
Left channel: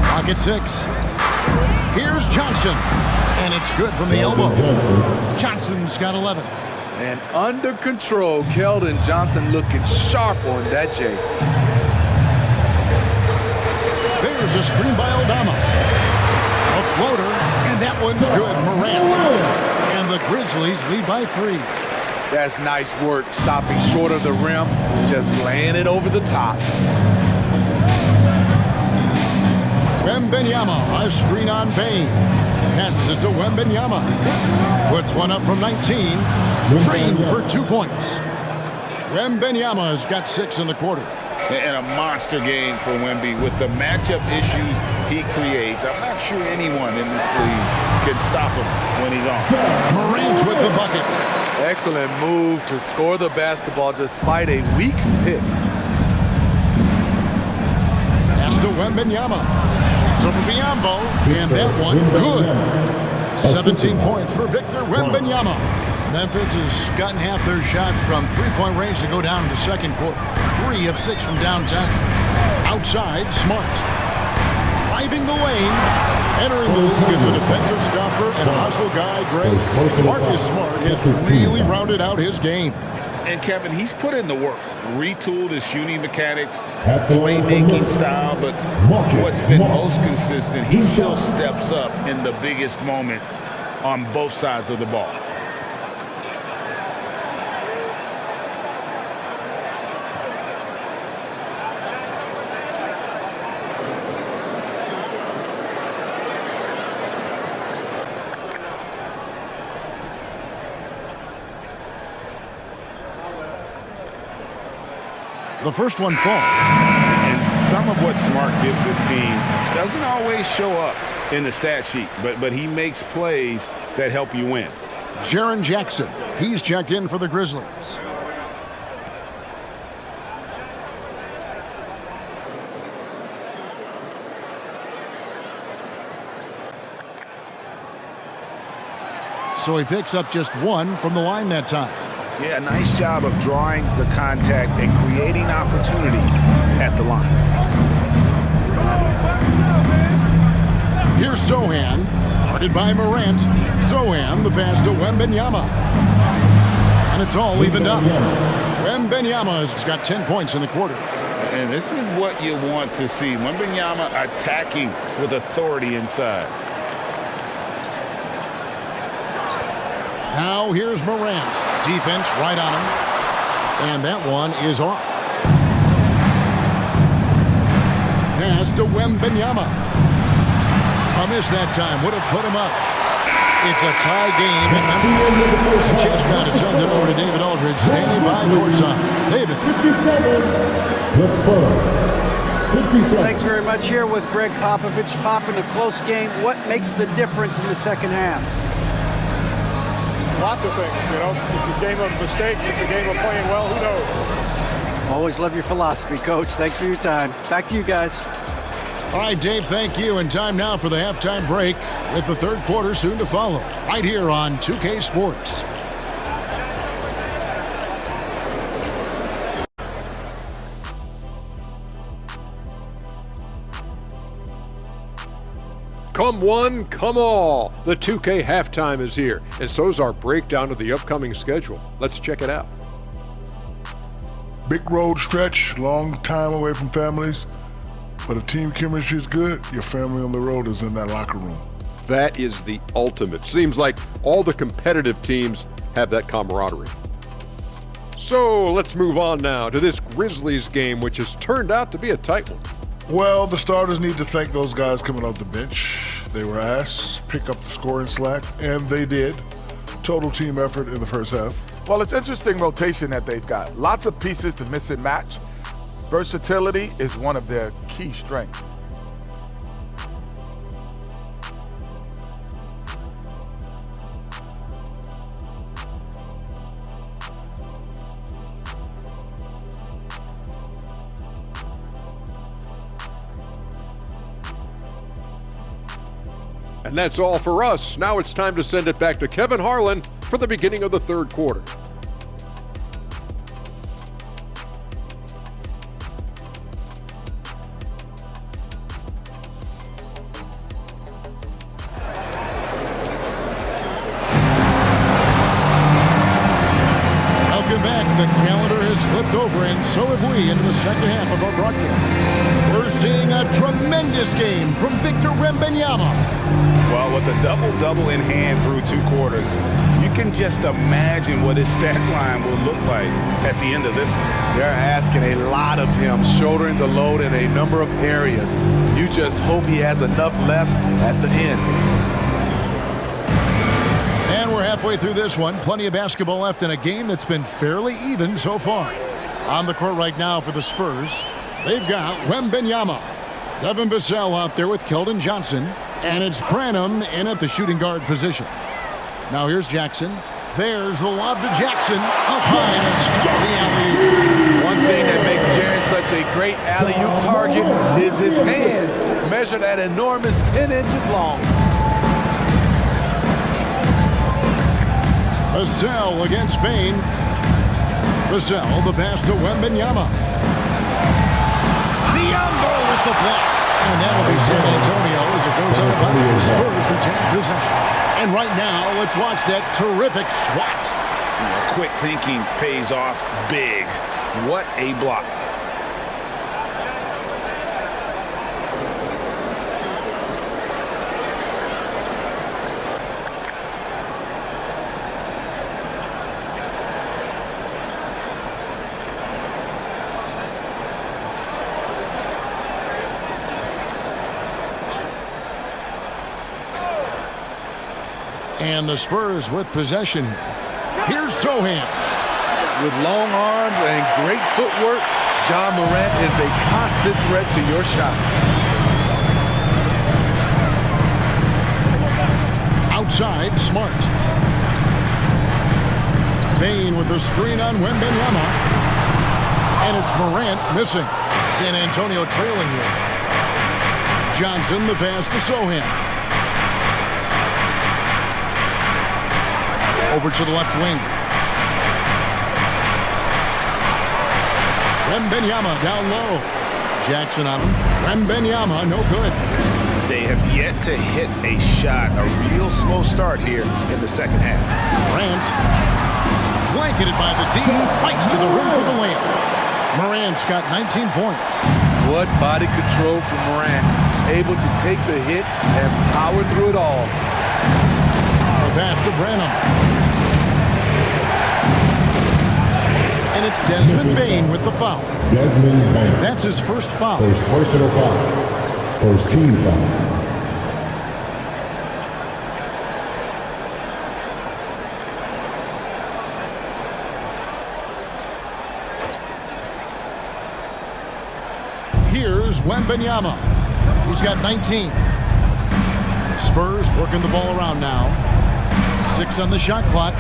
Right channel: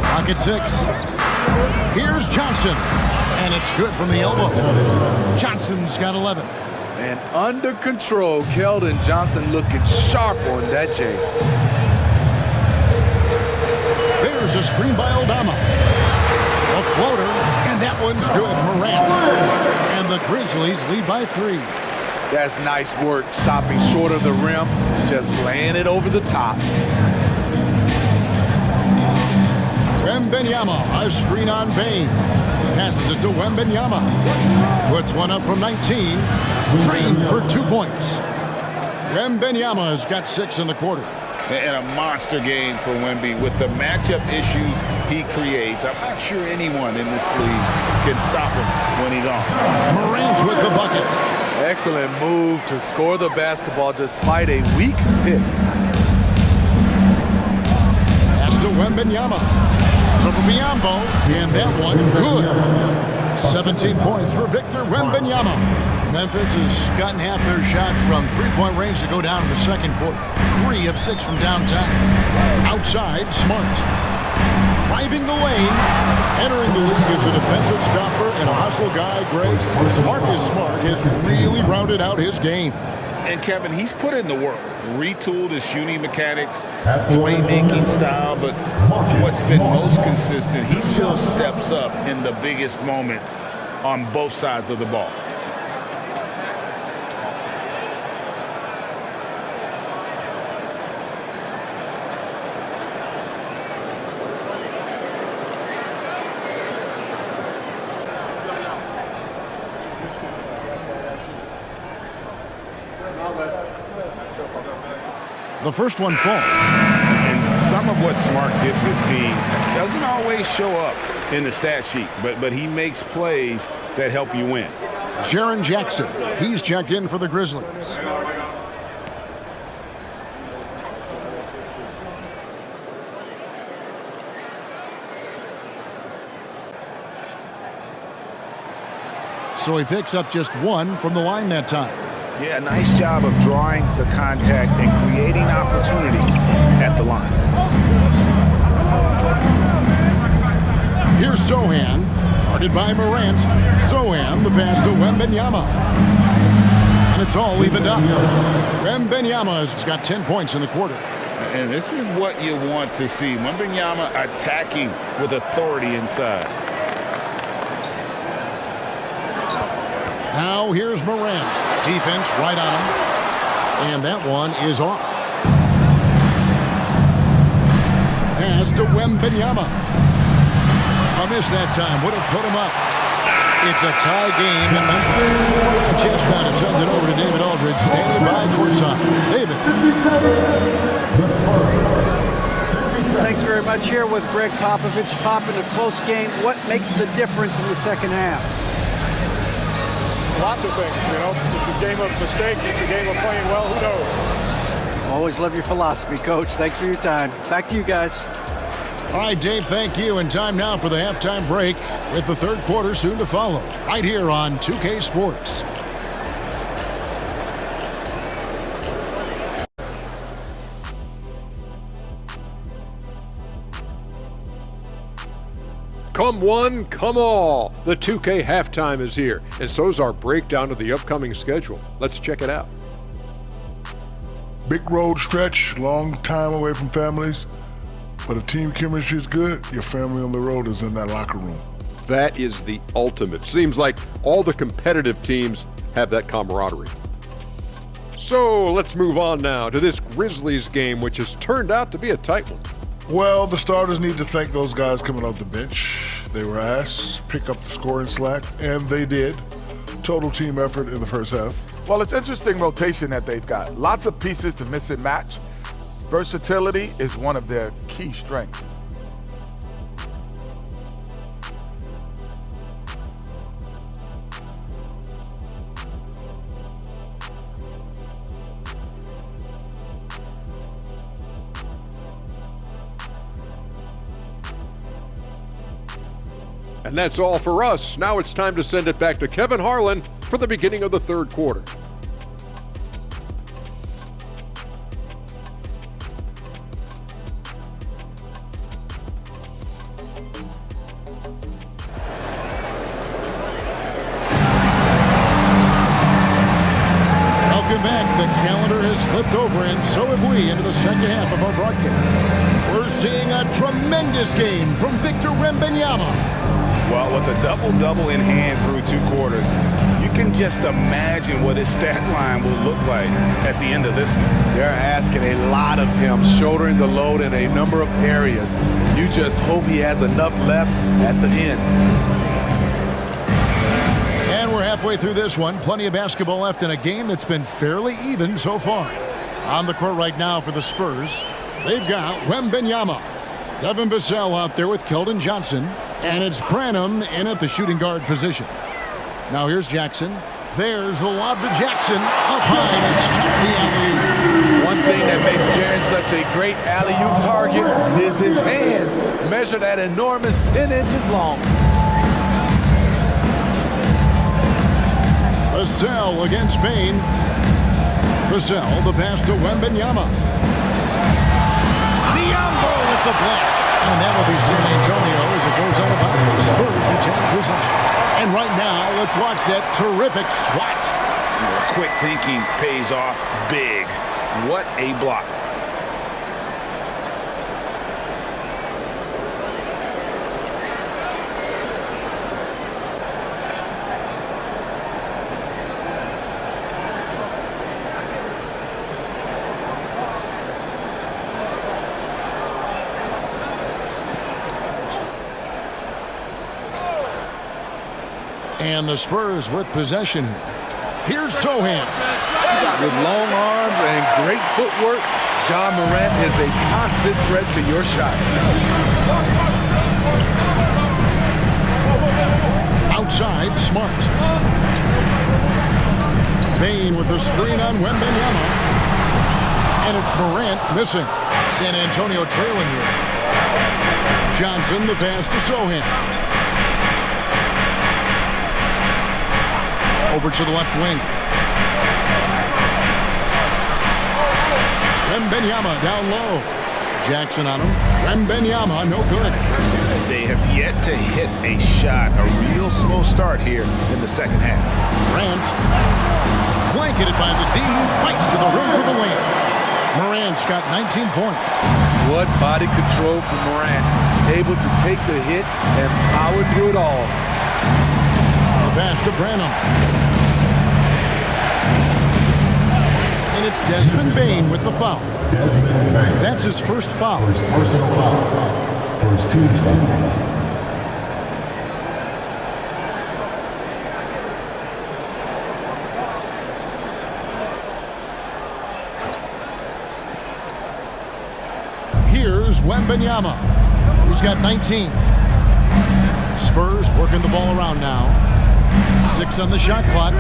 Clock at 6. Here's Johnson. And it's good from the elbow. Johnson's got 11. And under control, Keldon Johnson looking sharp on that J. There's a screen by Aldama. A floater, and that one's good. Morant. And the Grizzlies lead by 3. That's nice work, stopping short of the rim, just laying it over the top. Wembanyama, a screen on Bain. Passes it to Wembanyama. Puts one up from 19. Drained for 2 points. Wembanyama has got 6 in the quarter. And a monster game for Wemby with the matchup issues he creates. I'm not sure anyone in this league can stop him when he's on. Morant with the bucket. Excellent move to score the basketball despite a weak pick. Pass to Wembanyama. Shoots over Biyombo, and that one good. 17 points for Victor Wembanyama. Memphis has gotten half their shots from three-point range to go down in the second quarter. 3 of 6 from downtown. Outside, Smart. Driving the lane. Entering the league as a defensive stopper and a hustle guy, Greg. Marcus Smart has really rounded out his game. And Kevin, he's put in the work. Retooled his shooting mechanics, playmaking style, but what's been most consistent, he still steps up in the biggest moments on both sides of the ball. The first one falls. And some of what Smart gives this team doesn't always show up in the stat sheet, but he makes plays that help you win. Jaren Jackson, he's checked in for the Grizzlies. So he picks up just 1 from the line that time. Yeah, nice job of drawing the contact and creating opportunities at the line. Here's Sohan, guarded by Morant. Sohan, the pass to Wembanyama. And it's all evened up. Wembanyama has got 10 points in the quarter. And this is what you want to see. Wembanyama attacking with authority inside. Now here's Morant. Defense right on him. And that one is off. Pass to Wembanyama. A miss that time. Would have put him up. It's a tie game in Memphis. A chance now to send it over to David Aldridge, standing by courtside. David. 57. The Spurs. 57. Thanks very much. Here with Greg Popovich. Pop, in a close game, what makes the difference in the second half? Lots of things, you know. It's a game of mistakes. It's a game of playing well. Who knows? Always love your philosophy, Coach. Thanks for your time. Back to you guys. All right, Dave, thank you. And time now for the halftime break with the third quarter soon to follow. Right here on 2K Sports. Come one, come all. The 2K halftime is here, and so is our breakdown of the upcoming schedule. Let's check it out. Big road stretch, long time away from families. But if team chemistry is good, your family on the road is in that locker room. That is the ultimate. Seems like all the competitive teams have that camaraderie. So let's move on now to this Grizzlies game, which has turned out to be a tight one. Well, the starters need to thank those guys coming off the bench. They were asked to pick up the scoring slack, and they did. Total team effort in the first half. Well, it's interesting rotation that they've got. Lots of pieces to mix and match. Versatility is one of their key strengths. And that's all for us. Now it's time to send it back to Kevin Harlan for the beginning of the third quarter. The calendar has flipped over, and so have we into the second half of our broadcast. We're seeing a tremendous game from Victor Wembanyama. Well, with a double-double in hand through 2 quarters, you can just imagine what his stat line will look like at the end of this one. They're asking a lot of him, shouldering the load in a number of areas. You just hope he has enough left at the end. And we're halfway through this one. Plenty of basketball left in a game that's been fairly even so far. On the court right now for the Spurs, they've got Wembanyama. Devin Vassell out there with Keldon Johnson. And it's Branham in at the shooting guard position. Now here's Jackson. There's the lob to Jackson. Up high to stuff the alley-oop. One thing that makes Jaren such a great alley-oop target is his hands, measured at enormous 10 inches long. Vassell against Bain. Vassell, the pass to Wembanyama. Biombo with the block. And that'll be San Antonio as it goes out of bounds. Spurs retain possession. And right now, let's watch that terrific swat. Yeah, quick thinking pays off big. What a block. And the Spurs with possession here. Here's Sohan. With long arms and great footwork, John Morant is a constant threat to your shot. Outside, Smart. Bain with the screen on Wembanyama. And it's Morant missing. San Antonio trailing here. Johnson, the pass to Sohan. Over to the left wing. Wembanyama down low. Jackson on him. Wembanyama, no good. They have yet to hit a shot. A real slow start here in the second half. Morant, blanketed by the D, fights to the rim for the layup. Morant's got 19 points. What body control from Morant. Able to take the hit and power through it all. The pass to Branham. And it's Desmond Bain with the foul. Desmond Bain. That's his first foul. First personal foul. First team foul. Here's Wembanyama. He's got 19. The Spurs working the ball around now. 6 on the shot clock.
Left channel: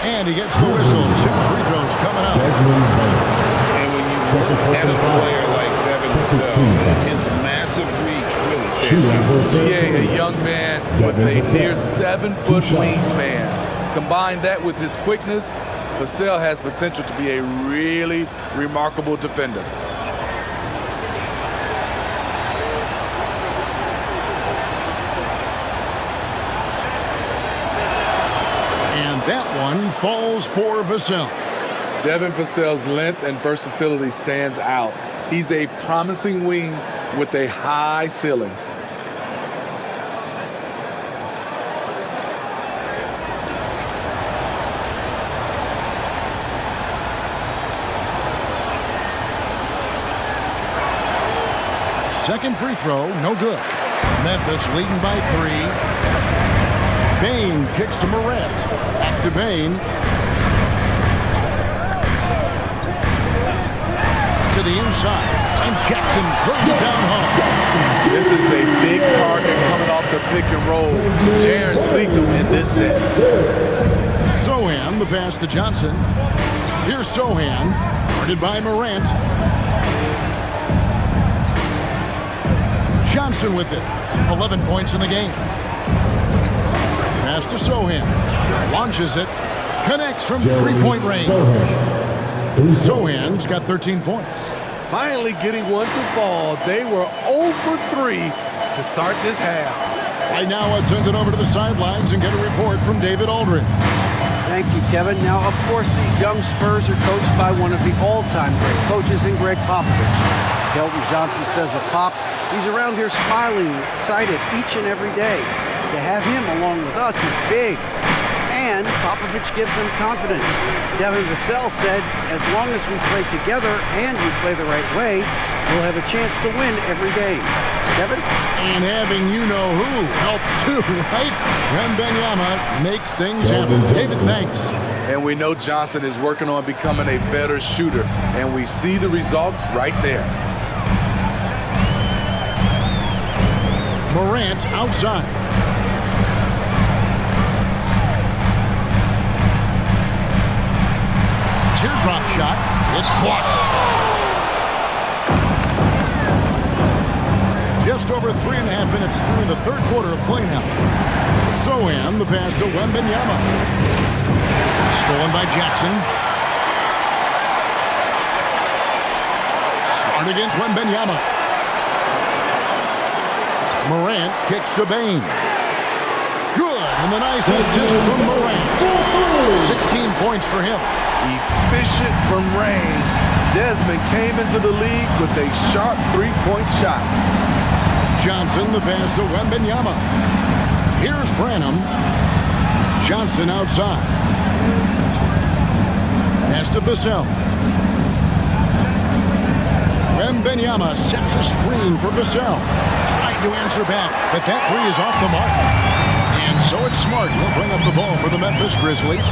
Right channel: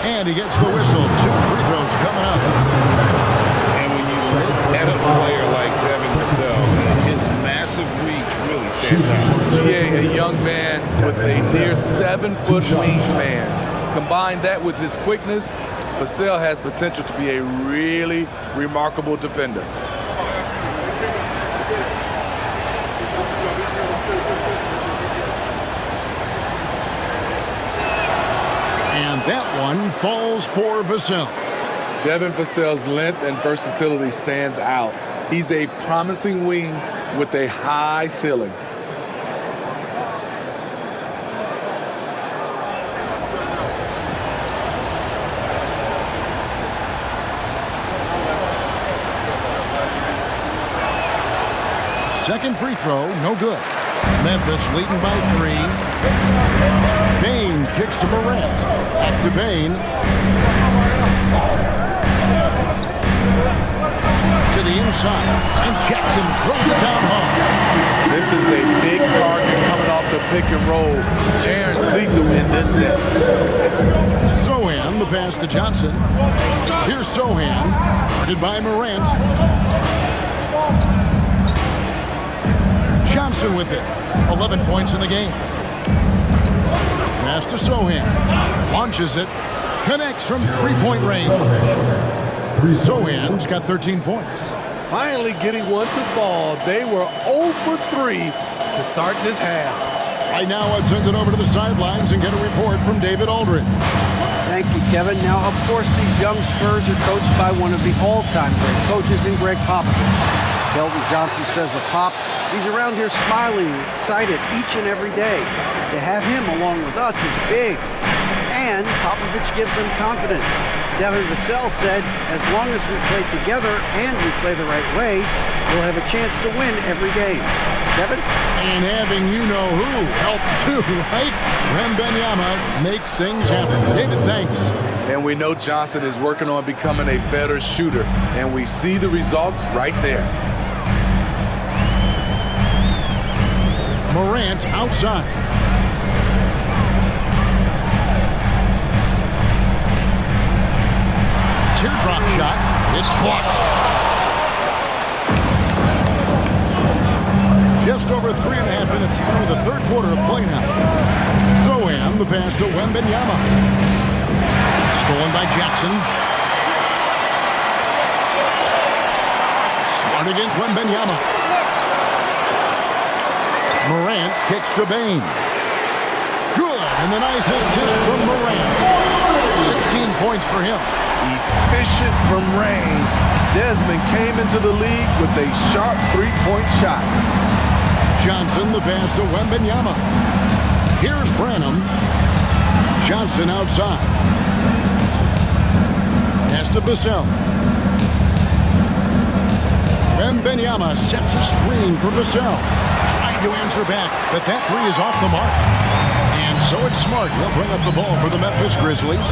And he gets the whistle. 2 free throws coming up. And when you look at a player like Devin Vassell, his massive reach really stands out. GA, a young man with a near 7-foot wingspan. Combine that with his quickness, Vassell has potential to be a really remarkable defender. And that one falls for Vassell. Devin Vassell's length and versatility stands out. He's a promising wing with a high ceiling. Second free throw, no good. Memphis leading by 3. Bain kicks to Morant. Back to Bain. To the inside. And Jackson throws it down hard. This is a big target coming off the pick and roll. Jaren's lethal in this set. Sohan, the pass to Johnson. Here's Sohan, guarded by Morant. Johnson with it. 11 points in the game. Pass to Sohan. Launches it. Connects from three-point range. Sohan's got 13 points. Finally getting one to fall. They were 0 for 3 to start this half. Right now, let's send it over to the sidelines and get a report from David Aldridge. Thank you, Kevin. Now, of course, these young Spurs are coached by one of the all-time great coaches in Greg Popovich. Keldon Johnson says of Pop, he's around here smiling, excited each and every day. To have him along with us is big. And Popovich gives them confidence. Devin Vassell said, as long as we play together and we play the right way, we'll have a chance to win every game. Kevin? And having you-know-who helps too, right? Wembanyama makes things happen. David, thanks. And we know Johnson is working on becoming a better shooter, and we see the results right there. Morant outside. Teardrop shot. It's blocked. Just over 3.5 minutes through the third quarter of play now. Zohan, the pass to Wembanyama. Stolen by Jackson. Smart against Wembanyama. Morant kicks to Bane. Good, and the nice assist from Morant. 16 points for him. Efficient from range. Desmond came into the league with a sharp three-point shot. Johnson, the pass to Wembanyama. Here's Branham. Johnson outside. Pass to Vassell. Wembanyama sets a screen for Vassell. Tried to answer back, but that three is off the mark. And so it's Smart. He'll bring up the ball for the Memphis Grizzlies.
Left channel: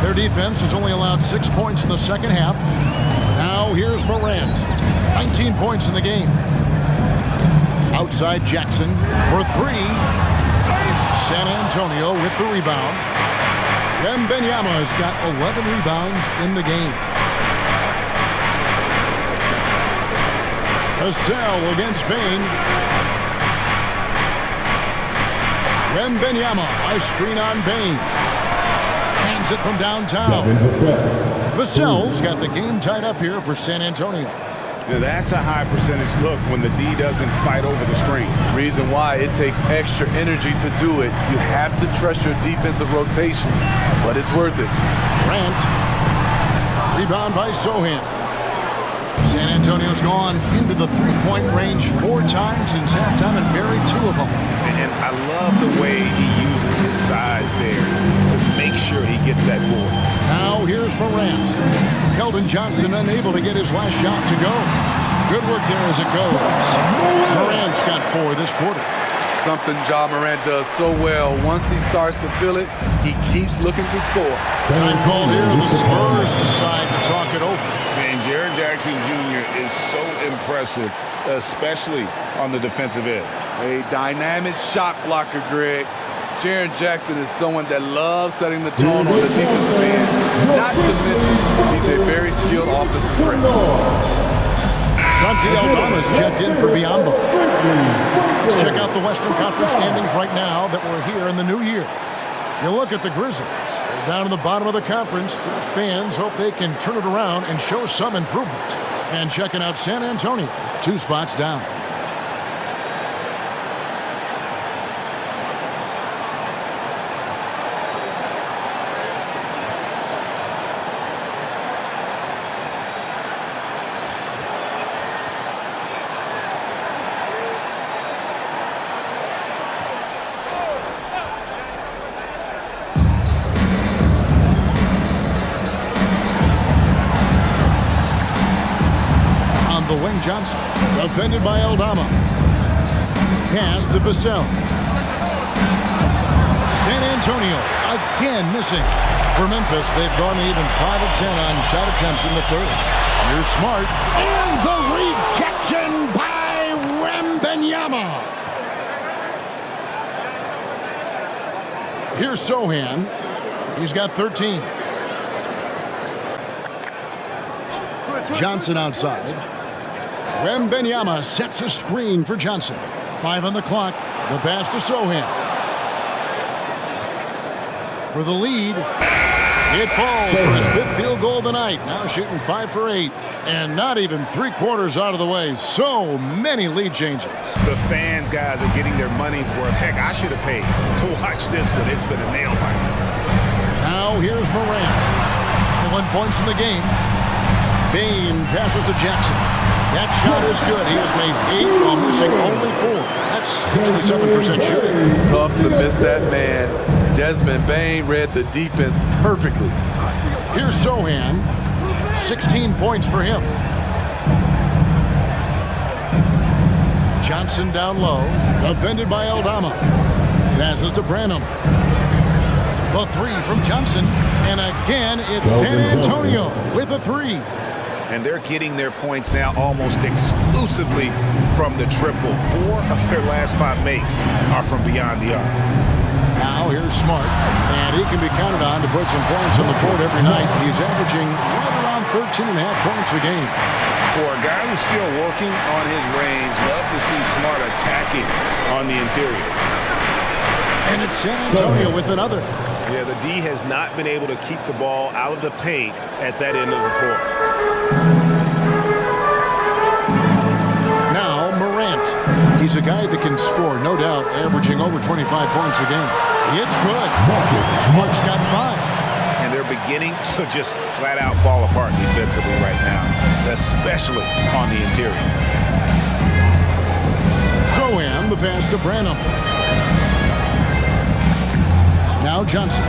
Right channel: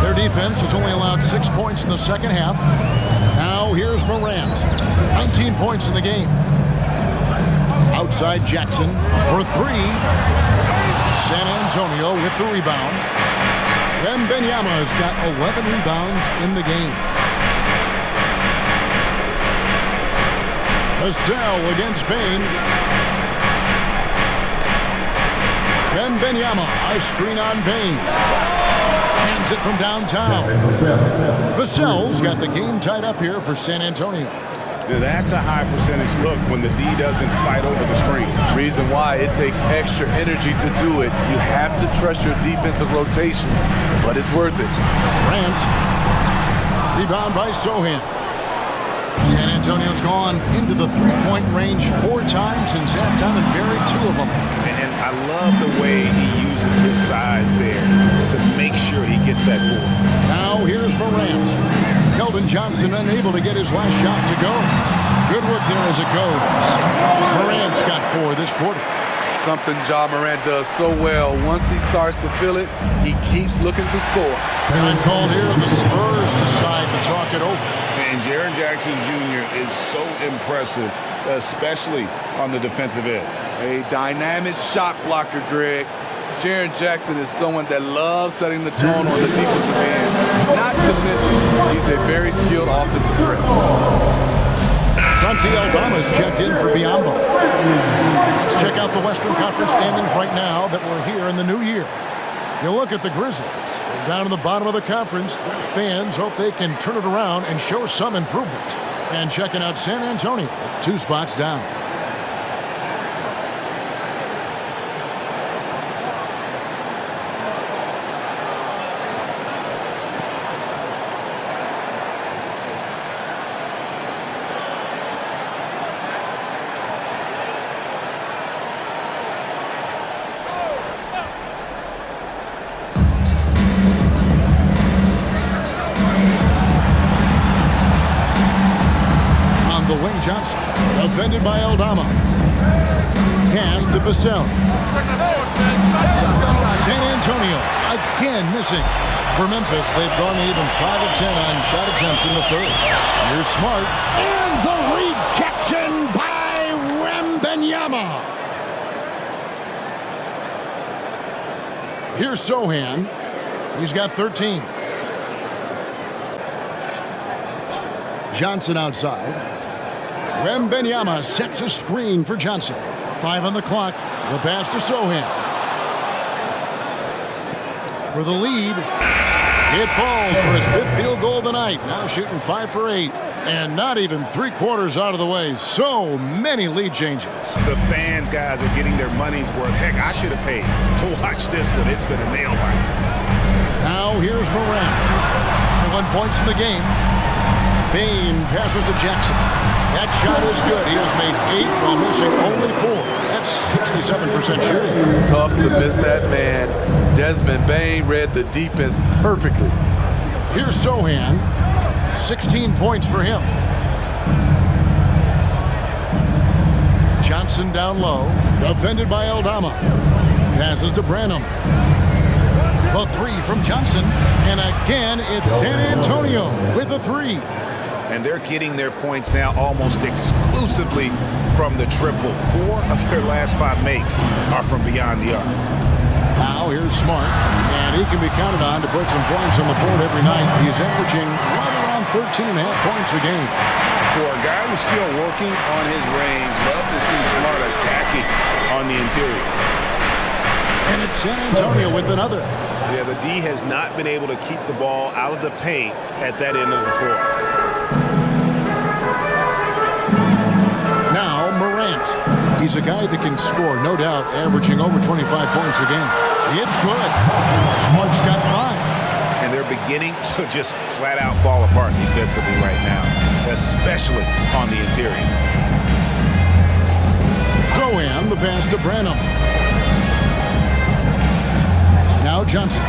Their defense has only allowed 6 points in the second half. Now here's Morant. 19 points in the game. Outside Jackson for three. San Antonio with the rebound. Wembanyama's got 11 rebounds in the game. Vassell against Bane. Wembanyama, a screen on Bane. Hands it from downtown. Vassell's got the game tied up here for San Antonio. Now that's a high percentage look when the D doesn't fight over the screen. Reason why it takes extra energy to do it. You have to trust your defensive rotations, but it's worth it. Grant. Rebound by Zohan. San Antonio's gone into the three-point range 4 times since halftime and buried 2 of them. And I love the way he uses his size there to make sure he gets that board. Now here's Morant. Keldon Johnson unable to get his last shot to go. Good work there as it goes. Morant's got 4 this quarter. Something Ja Morant does so well. Once he starts to feel it, he keeps looking to score. Time called here. The Spurs decide to talk it over. And Jaren Jackson Jr. is so impressive, especially on the defensive end. A dynamic shot blocker, Greg. Jaren Jackson is someone that loves setting the tone on the defensive end. Not to mention, he's a very skilled offensive threat. Santi Aldama's checked in for Biyombo. Let's check out the Western Conference standings right now that we're here in the new year. You look at the Grizzlies. They're down in the bottom of the conference. Their fans hope they can turn it around and show some improvement. And checking out San Antonio, 2 spots down. The wing Johnson, defended by Aldama. Pass to Vassell. San Antonio again missing. For Memphis, they've gone to even 5 of 10 on shot attempts in the third. Here's Smart. And the rejection by Wembanyama. Here's Zohan. He's got 13. Johnson outside. Wembanyama sets a screen for Johnson. 5 on the clock. The pass to Zohan. For the lead. It falls for his 5th field goal of the night. Now shooting 5 for 8. And not even 3/4 out of the way. So many lead changes. The fans, guys, are getting their money's worth. Heck, I should have paid to watch this one. It's been a nail biter. Now here's Morant. 21 points in the game. Bain passes to Jackson. That shot is good. He has made 8 while missing only 4. That's 67% shooting. Tough to miss that man. Desmond Bain read the defense perfectly. Here's Sohan. 16 points for him. Johnson down low. Defended by Aldama. Passes to Branham. The 3 from Johnson. And again, it's San Antonio with a 3. And they're getting their points now almost exclusively from the triple. 4 of their last 5 makes are from beyond the arc. Now here's Smart, and he can be counted on to put some points on the board every night. He's averaging right around 13.5 points a game. For a guy who's still working on his range, love to see Smart attacking on the interior. And it's San Antonio with another. Yeah, the D has not been able to keep the ball out of the paint at that end of the floor. Now Morant. He's a guy that can score, no doubt, averaging over 25 points a game. It's good. Smart's got 5. And they're beginning to just flat out fall apart defensively right now, especially on the interior. Sohan, the pass to Branham. Now Johnson.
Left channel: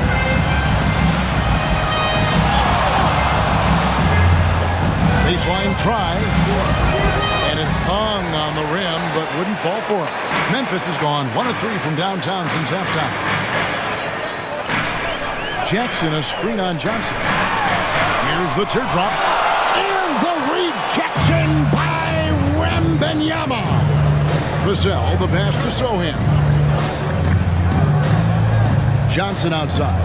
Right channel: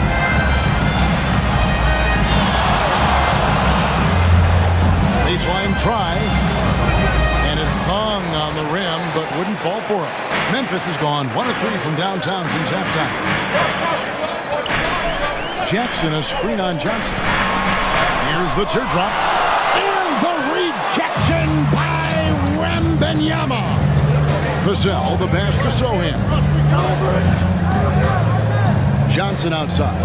Baseline try. And it hung on the rim, but wouldn't fall for him. Memphis has gone 1 of 3 from downtown since halftime. Jackson, a screen on Johnson. Here's the teardrop. And the rejection by Wembanyama. Vassell, the pass to Sohan. Johnson outside.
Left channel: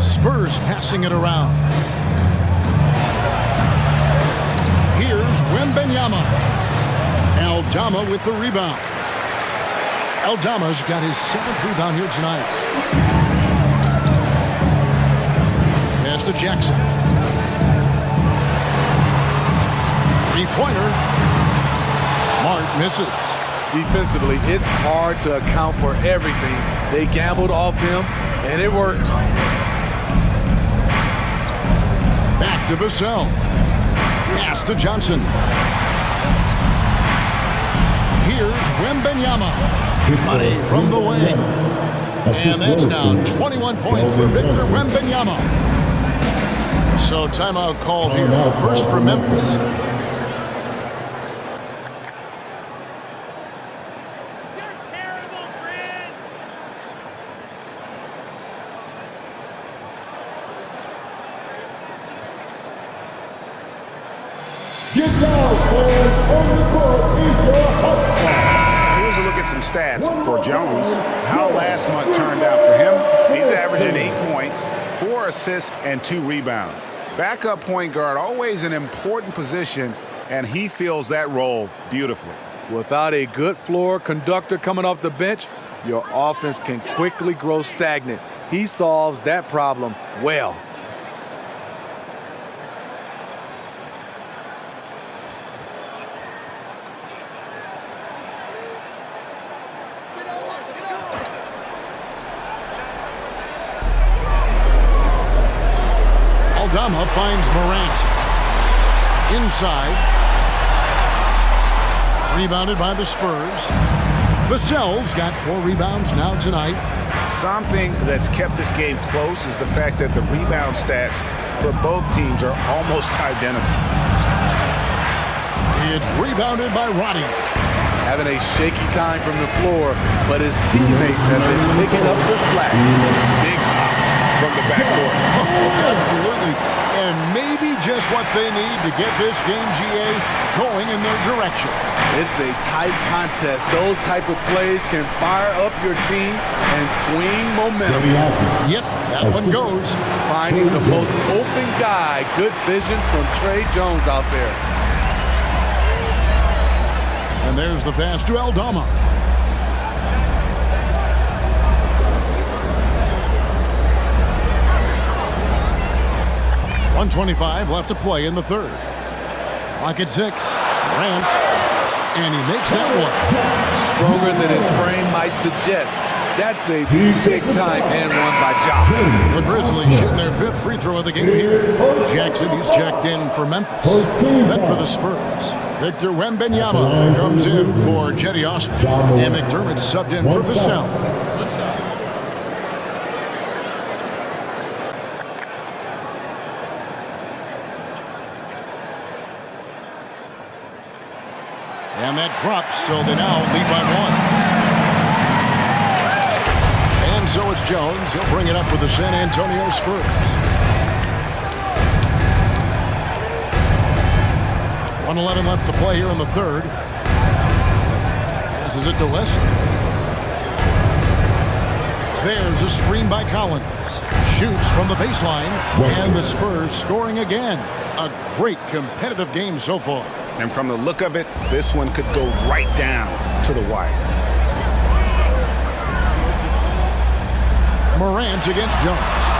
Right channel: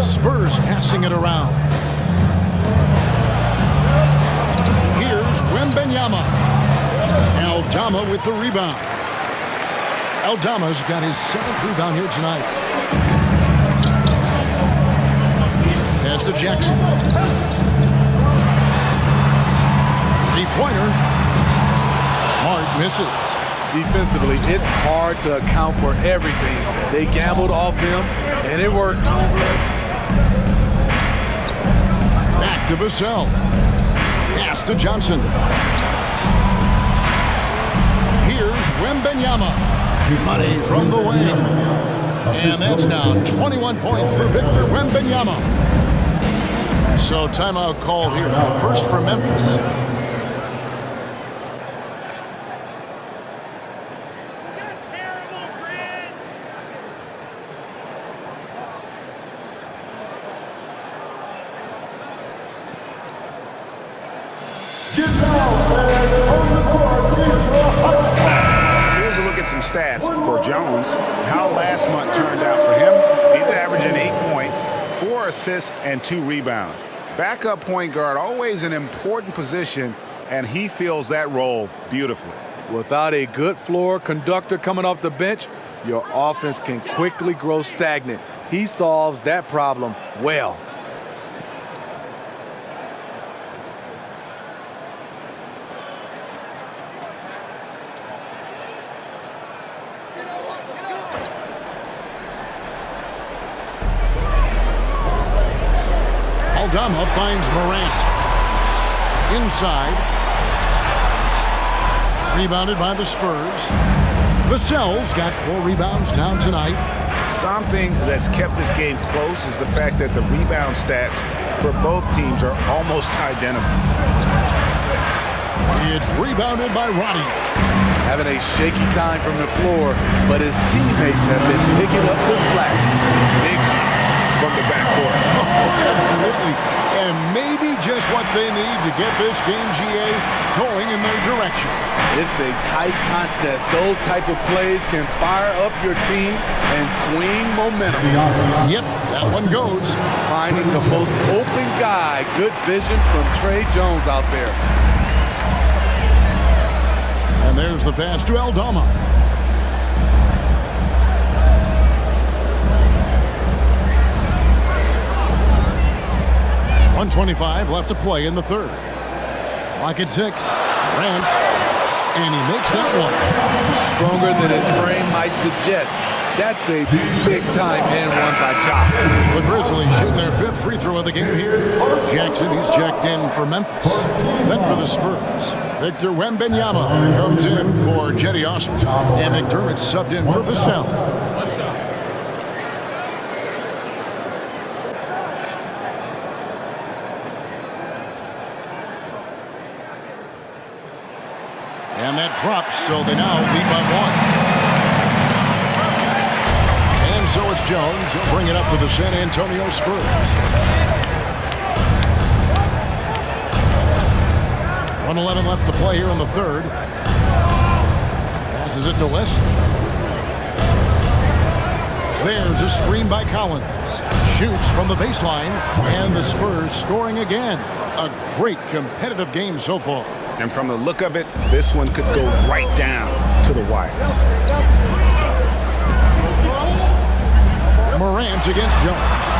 Spurs passing it around. Here's Wembanyama. Aldama with the rebound. Aldama's got his 7th rebound here tonight. Pass to Jackson. 3-pointer. Smart misses. Defensively, it's hard to account for everything. They gambled off him, and it worked. Back to Vassell. Pass to Johnson. Here's Wembanyama. Money from the wing. And that's now 21 points for Victor Wembanyama. So timeout called here. The first for Memphis. Get down, fans. On the court is your high squad. Here's a look at some stats for Jones. How last month turned out for him. He's averaging 8 points, 4 assists, and 2 rebounds. Backup point guard, always an important position, and he fills that role beautifully. Without a good floor conductor coming off the bench, your offense can quickly grow stagnant. He solves that problem well. Aldama finds Morant. Inside. Rebounded by the Spurs. Vassell's got 4 rebounds now tonight. Something that's kept this game close is the fact that the rebound stats for both teams are almost identical. It's rebounded by Roddy. Having a shaky time from the floor, but his teammates have been picking up the slack. Big hops from the backcourt. Oh, absolutely. And maybe just what they need to get this game, GA, going in their direction. It's a tight contest. Those type of plays can fire up your team and swing momentum. Yep, that one goes. Finding the most open guy. Good vision from Trey Jones out there. And there's the pass to Aldama. .125 left to play in the third. Clock at 6. Grant. And he makes that one. Stronger than his frame might suggest. That's a big-time and one by Ja. The Grizzlies shooting their 5th free throw of the game here. Jackson, he's checked in for Memphis. Then for the Spurs, Victor Wembanyama comes in for Jetty Osman. And McDermott subbed in for Vassell. And that drops, so they now lead by 1. And so it's Jones. He'll bring it up with the San Antonio Spurs. 1:11 left to play here in the 3rd. Passes it to Leslie. There's a screen by Collins. Shoots from the baseline. And the Spurs scoring again. A great competitive game so far. And from the look of it, this one could go right down to the wire. Morant against Jones.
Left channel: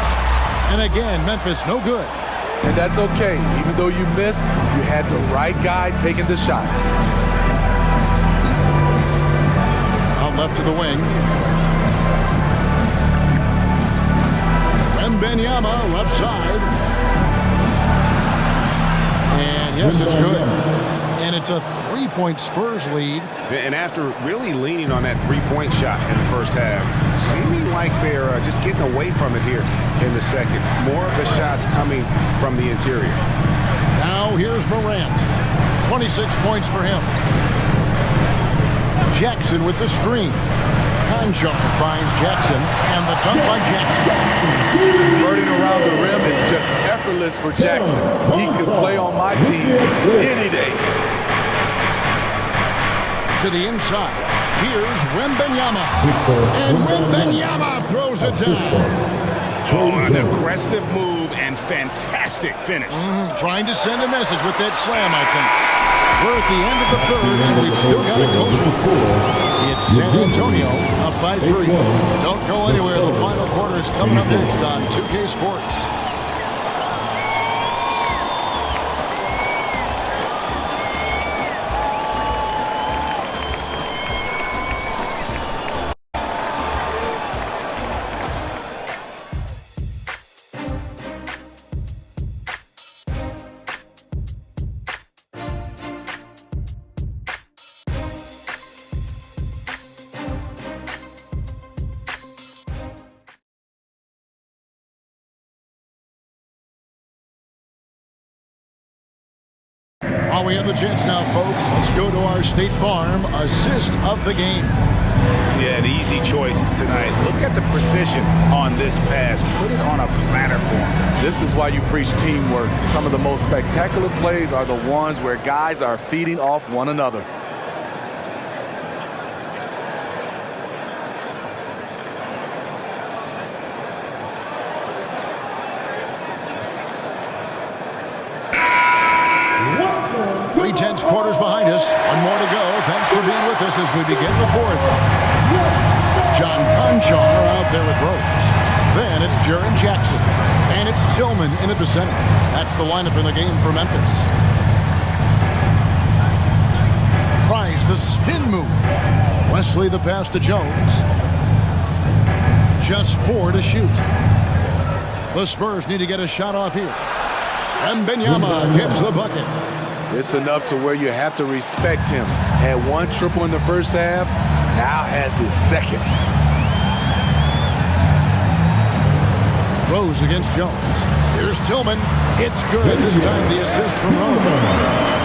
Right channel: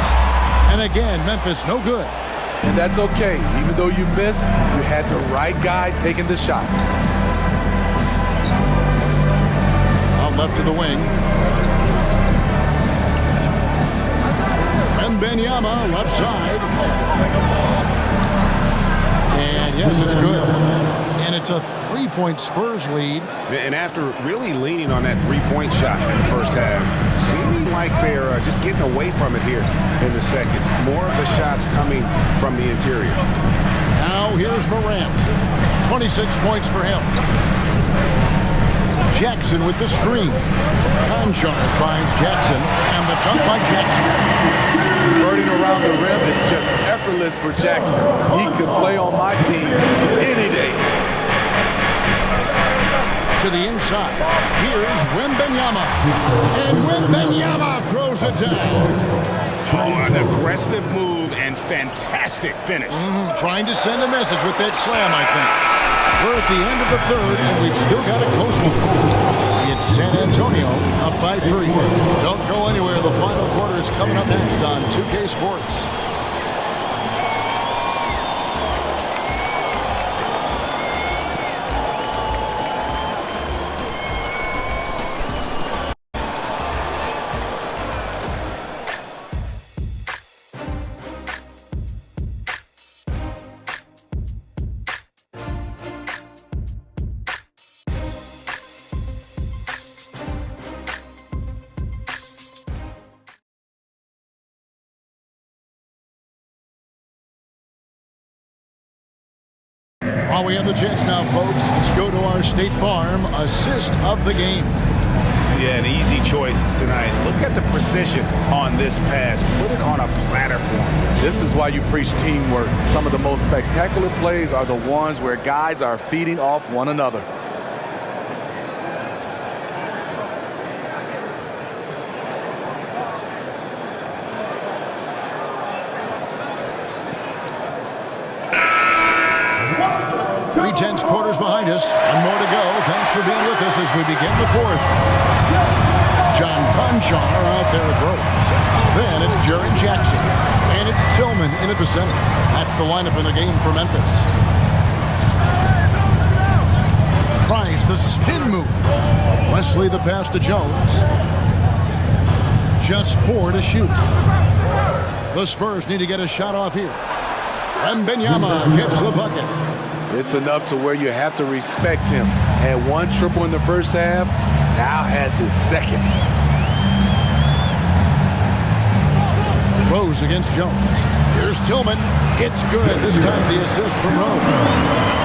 And again, Memphis no good. And that's okay. Even though you missed, you had the right guy taking the shot. Out left to the wing. Wembanyama left side. And yes, it's good. And it's a 3-point Spurs lead. And after really leaning on that 3-point shot in the first half, seeming like they're just getting away from it here in the second. More of the shots coming from the interior. Now here's Morant. 26 points for him. Jackson with the screen. Conjar finds Jackson, and the dunk by Jackson. Converting around the rim is just effortless for Jackson. He could play on my team any day. To the inside. Here's Wembanyama. And Wembanyama throws it down. Oh, an aggressive move and fantastic finish. Trying to send a message with that slam, I think. We're at the end of the 3rd, and we've still got a close one. It's San Antonio up by 3. Don't go anywhere. The final quarter is coming up next on 2K Sports. While we have the chance now, folks, let's go to our State Farm assist of the game. Yeah, an easy choice tonight. Look at the precision on this pass. Put it on a platter for him. This is why you preach teamwork. Some of the most spectacular plays are the ones where guys are feeding off one another. Tense quarters behind us. One more to go. Thanks for being with us as we begin the 4th. John Conjar out there with ropes. Then it's Jaren Jackson. And it's Tillman in at the center. That's the lineup in the game for Memphis. Tries the spin move. Wesley the pass to Jones. Just 4 to shoot. The Spurs need to get a shot off here. Wembanyama gets the bucket. It's enough to where you have to respect him. Had 1 triple in the first half, now has his 2nd. Rose against Jones. Here's Tillman. It's good. This time the assist from Rose.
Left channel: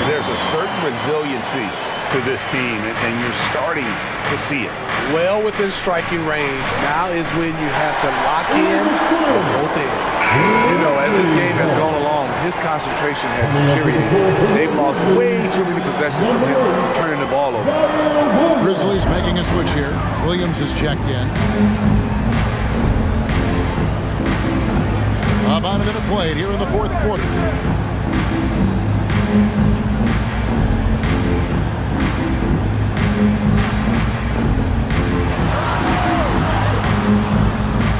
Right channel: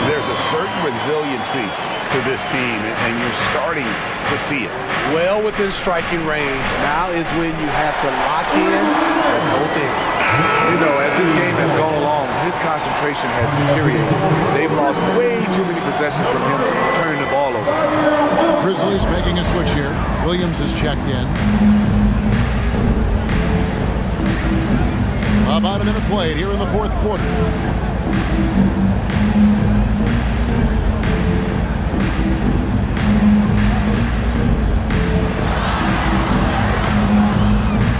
There's a certain resiliency to this team, and you're starting to see it. Well within striking range. Now is when you have to lock in at both ends. You know, as this game has gone along, his concentration has deteriorated. They've lost way too many possessions from him turning the ball over. Grizzlies making a switch here. Williams is checked in. About a minute played here in the 4th quarter.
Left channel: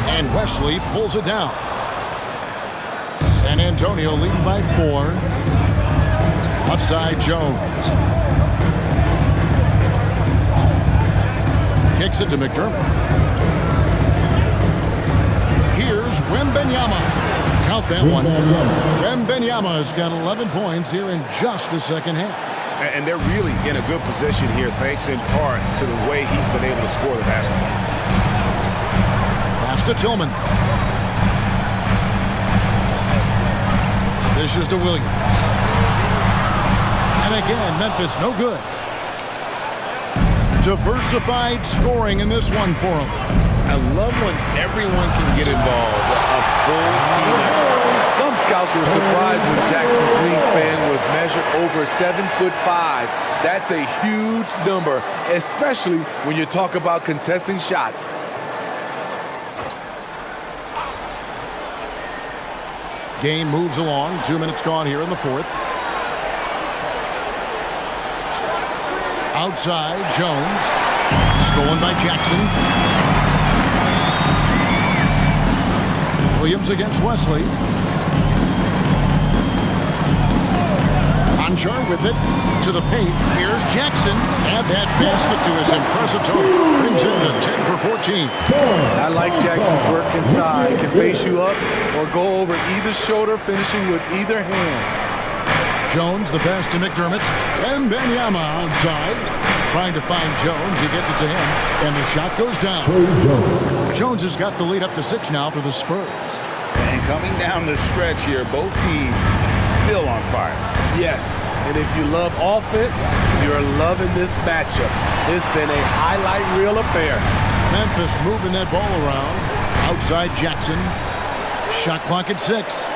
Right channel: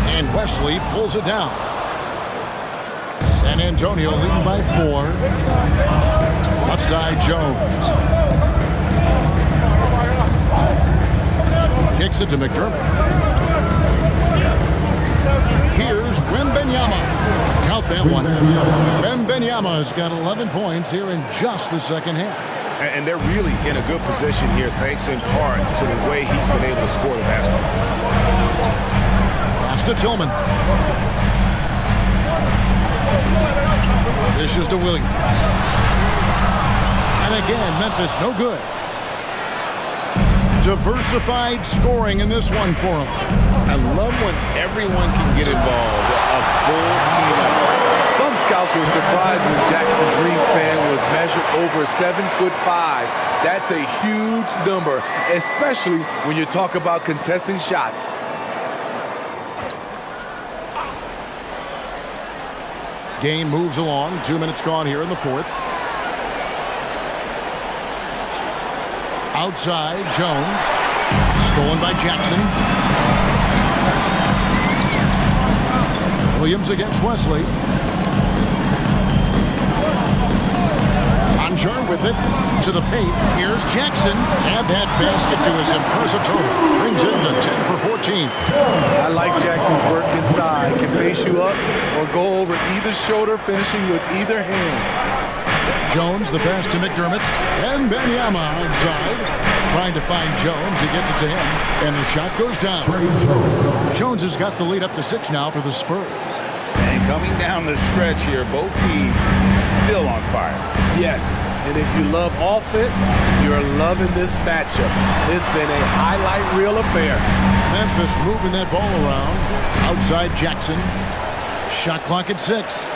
And Wesley pulls it down. San Antonio leading by 4. Left side, Jones. Kicks it to McDermott. Here's Wembanyama. Count that one. Wembanyama's got 11 points here in just the second half. And they're really in a good position here, thanks in part to the way he's been able to score the basketball. Pass to Tillman. Dishes to Williams. And again, Memphis no good. Diversified scoring in this one for him. I love when everyone can get involved, a full team effort. Some scouts were surprised when Jackson's wingspan was measured over 7'5". That's a huge number, especially when you talk about contesting shots. Game moves along. 2 minutes gone here in the fourth. Outside, Jones. Stolen by Jackson. Williams against Wesley. Anjar with it to the paint. Here's Jackson. Add that basket to his impressive total. Brings him to 10 for 14. I like Jackson's work inside. Can face you up or go over either shoulder, finishing with either hand. Jones, the pass to McDermott. And Wembanyama outside. Trying to find Jones. He gets it to him. And the shot goes down. Jones has got the lead up to 6 now for the Spurs. And coming down the stretch here, both teams still on fire. Yes, and if you love offense, you're loving this matchup. It's been a highlight reel affair. Memphis moving that ball around. Outside Jackson. Shot clock at 6.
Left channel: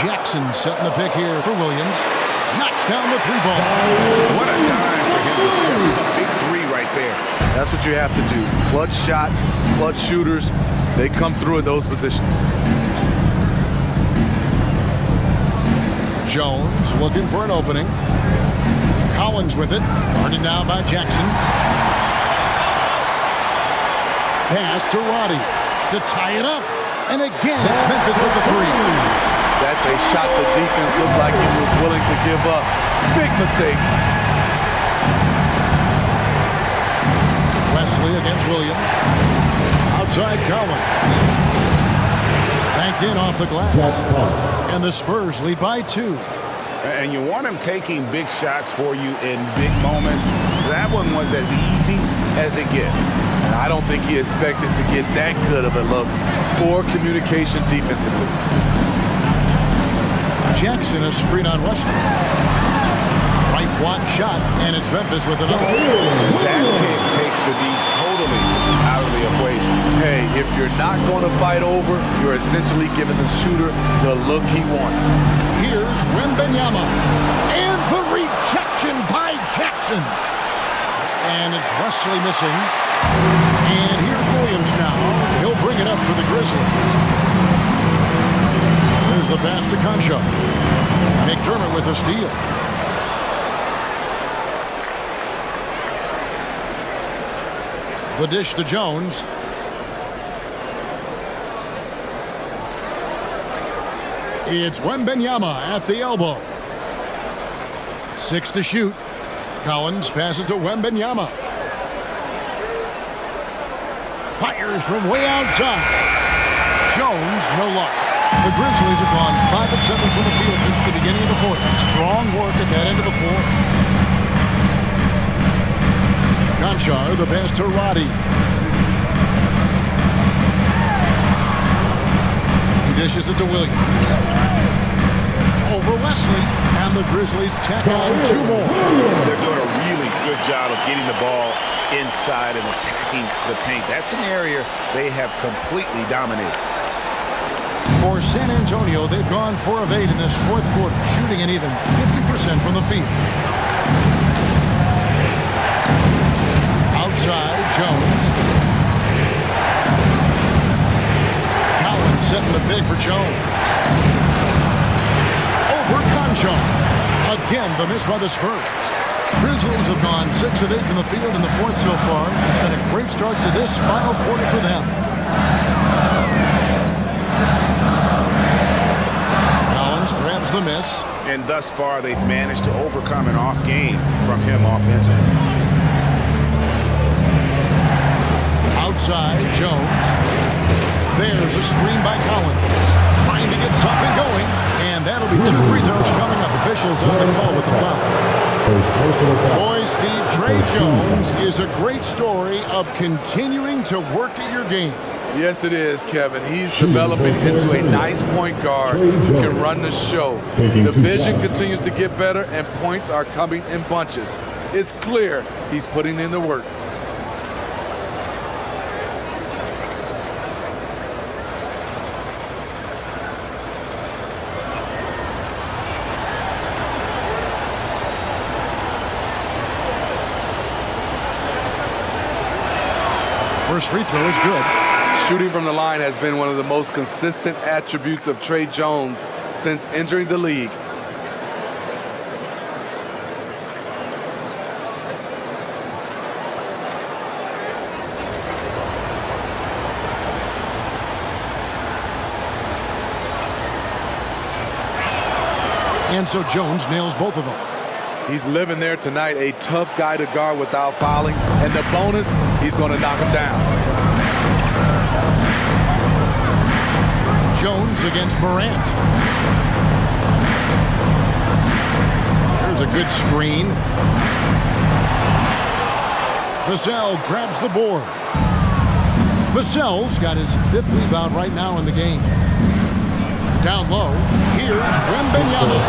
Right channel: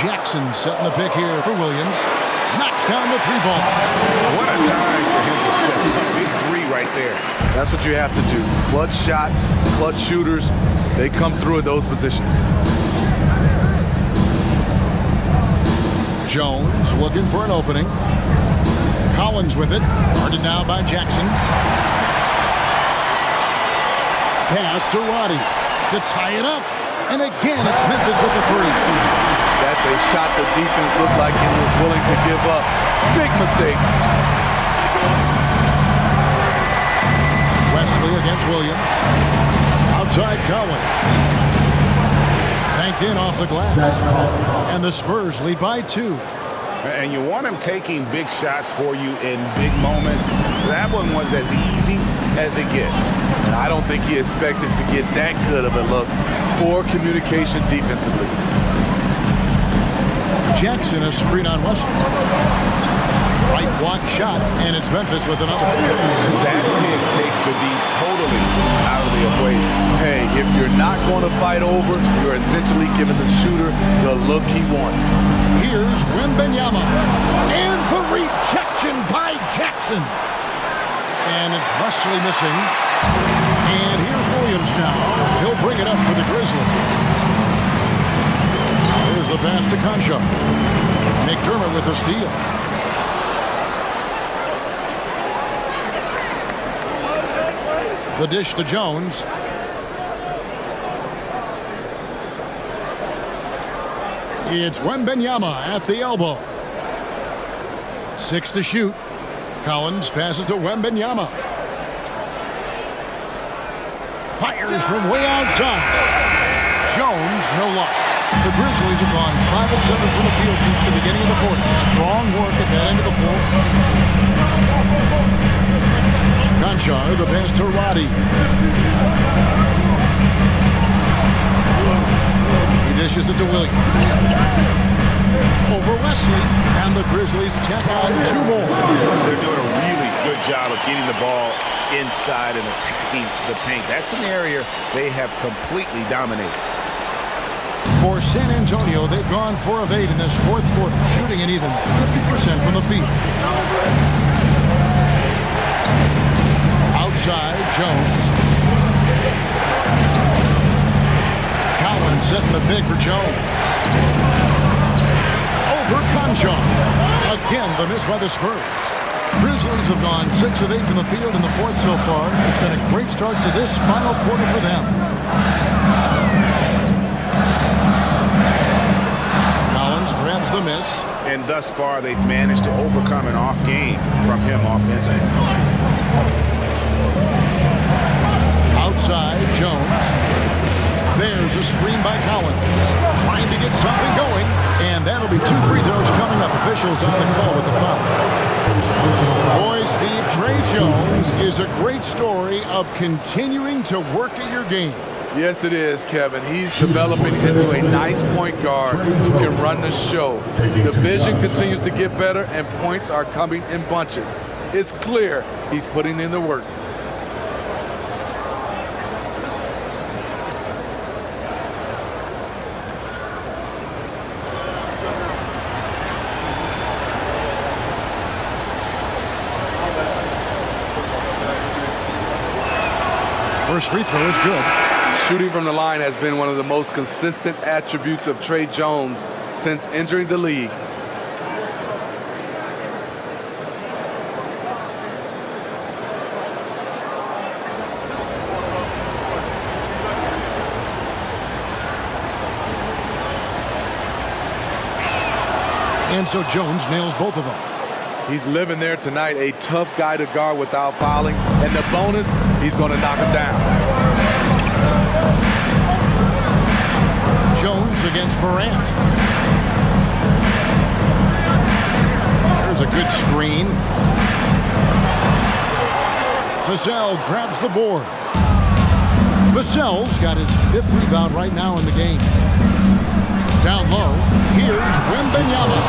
Jackson setting the pick here for Williams. Knocks down the 3-ball. What a time for him to step up. Big 3 right there. That's what you have to do. Clutch shots, clutch shooters, they come through in those positions. Jones looking for an opening. Collins with it. Guarded now by Jackson. Pass to Roddy to tie it up. And again, it's Memphis with the 3. That's a shot the defense looked like it was willing to give up. Big mistake. Wesley against Williams. Outside Collins. Banked in off the glass. And the Spurs lead by 2. And you want him taking big shots for you in big moments. That one was as easy as it gets. And I don't think he expected to get that good of a look. Poor communication defensively. Jackson a screen on Wesley. Right block shot, and it's Memphis with another. That pick takes the D totally out of the equation. Hey, if you're not going to fight over, you're essentially giving the shooter the look he wants. Here's Wembanyama. And the rejection by Jackson. And it's Wesley missing. And here's Williams now. He'll bring it up for the Grizzlies. There's the pass to Concha. McDermott with the steal. The dish to Jones. It's Wembanyama at the elbow. 6 to shoot. Collins passes to Wembanyama. Fires from way outside. Jones, no luck. The Grizzlies have gone 5 of 7 from the field since the beginning of the fourth. Strong work at that end of the floor. Conchar, the pass to Roddy. He dishes it to Williams. Over Wesley, and the Grizzlies tack on 2 more. They're doing a really good job of getting the ball inside and attacking the paint. That's an area they have completely dominated. For San Antonio, they've gone 4 of 8 in this fourth quarter, shooting an even 50% from the field. Outside, Jones. Collins setting the big for Jones. Over Concha. Again, the miss by the Spurs. Grizzlies have gone 6 of 8 from the field in the fourth so far. It's been a great start to this final quarter for them. Collins grabs the miss. And thus far, they've managed to overcome an off game from him offensively. Outside, Jones. There's a screen by Collins. Trying to get something going. And that'll be 2 free throws coming up. Officials on the call with the foul. Boy, Steve, Trey Jones is a great story of continuing to work at your game. Yes, it is, Kevin. He's developing into a nice point guard who can run the show. The vision continues to get better, and points are coming in bunches. It's clear he's putting in the work. First free throw is good. Shooting from the line has been one of the most consistent attributes of Trey Jones since entering the league. And so Jones nails both of them. He's living there tonight, a tough guy to guard without fouling. And the bonus, he's going to knock him down. Jones against Morant. There's a good screen. Vassell grabs the board. Vassell's got his 5th rebound right now in the game. Down low, here's Wembanyama.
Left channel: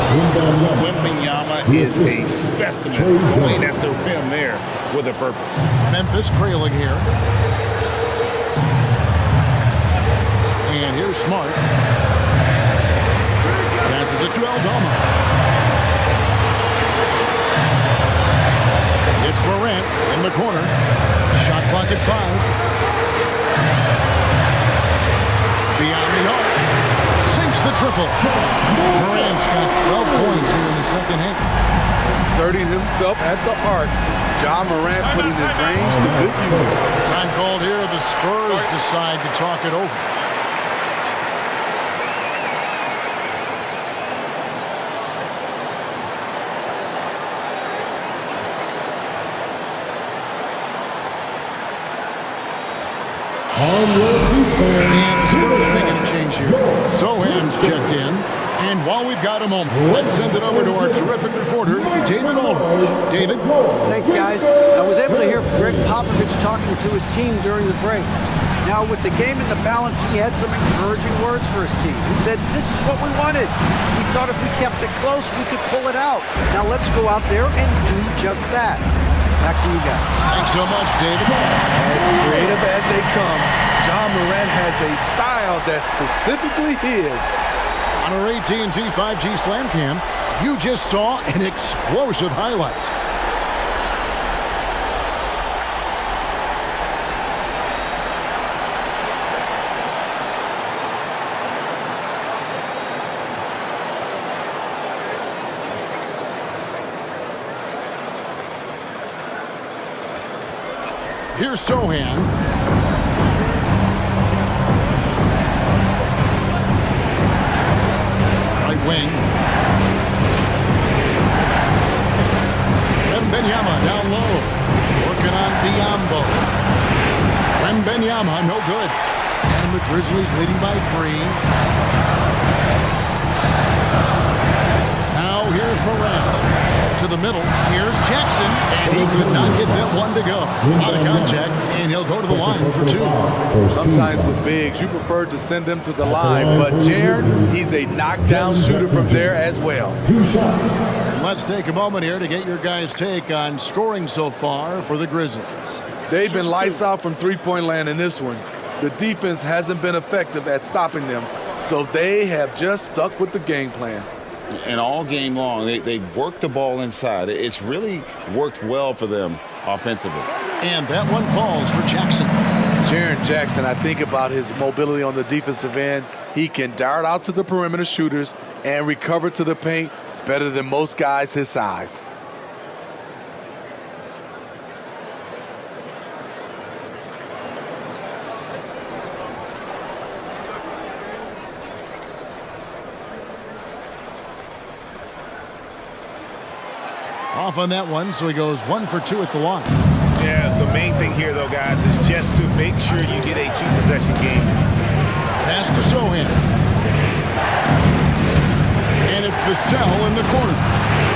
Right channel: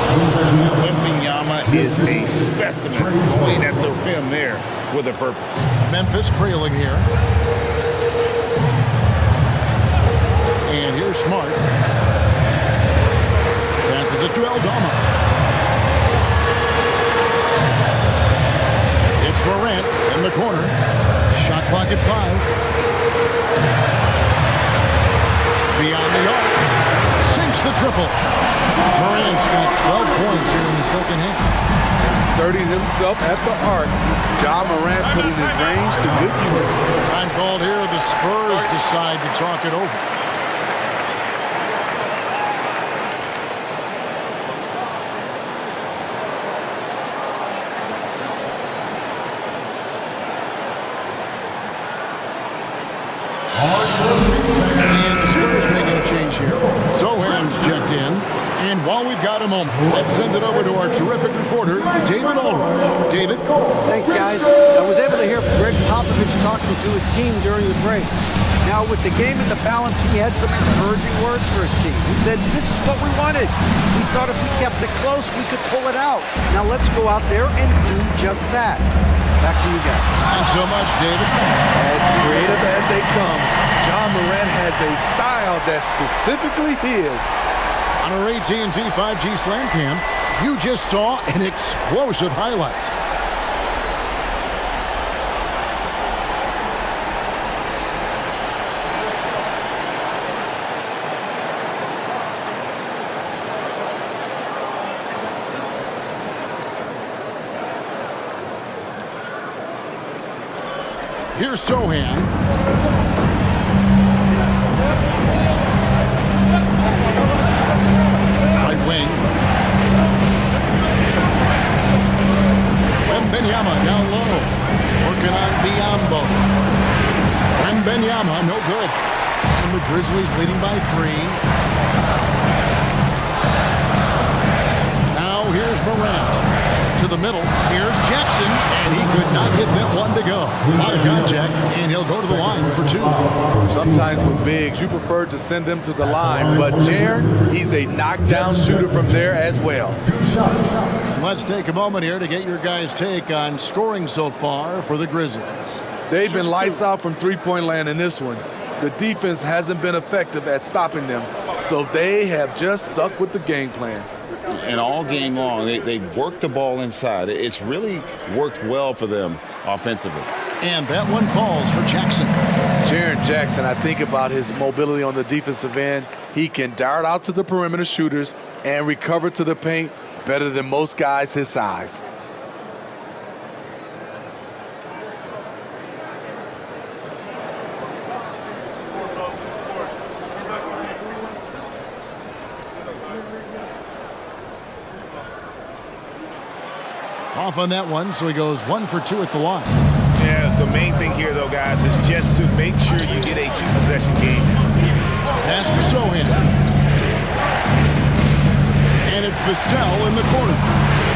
Wembanyama is a specimen going at the rim there with a purpose. Memphis trailing here. And here's Smart. Passes it to Aldama. It's Morant in the corner. Shot clock at 5. Beyond the arc. Sinks the triple. Morant's got 12 points here in the second half. Asserting himself at the arc. Ja Morant putting his range to good use. Time called here. The Spurs decide to talk it over. And the Spurs making a change here. Sohan's checked in. And while we've got a moment, let's send it over to our terrific reporter, David Aldridge. David? Thanks, guys. I was able to hear Greg Popovich talking to his team during the break. Now, with the game in the balance, he had some encouraging words for his team. He said, "This is what we wanted. We thought if we kept it close, we could pull it out. Now let's go out there and do just that." Back to you guys. Thanks so much, David. As creative as they come, Ja Morant has a style that's specifically his. On our AT&T 5G Slam Cam, you just saw an explosive highlight. Here's Sohan. Right wing. Wembanyama down low. Working on Biombo. Wembanyama, no good. And the Grizzlies leading by 3. Now here's Morant. To the middle. Here's Jackson. And he could not get that one to go. A lot of contact, and he'll go to the line for 2. Sometimes with bigs, you prefer to send them to the line, but Jaren, he's a knockdown shooter from there as well. And let's take a moment here to get your guys' take on scoring so far for the Grizzlies. They've been lights out from three-point land in this one. The defense hasn't been effective at stopping them, so they have just stuck with the game plan. And all game long, they've worked the ball inside. It's really worked well for them offensively. And that one falls for Jackson. Jaren Jackson, I think about his mobility on the defensive end. He can dart out to the perimeter shooters and recover to the paint better than most guys his size. Off on that one, so he goes 1 for 2 at the line. Yeah, the main thing here, though, guys, is just to make sure you get a 2-possession game. Pass to Sohan. And it's Vassell in the corner.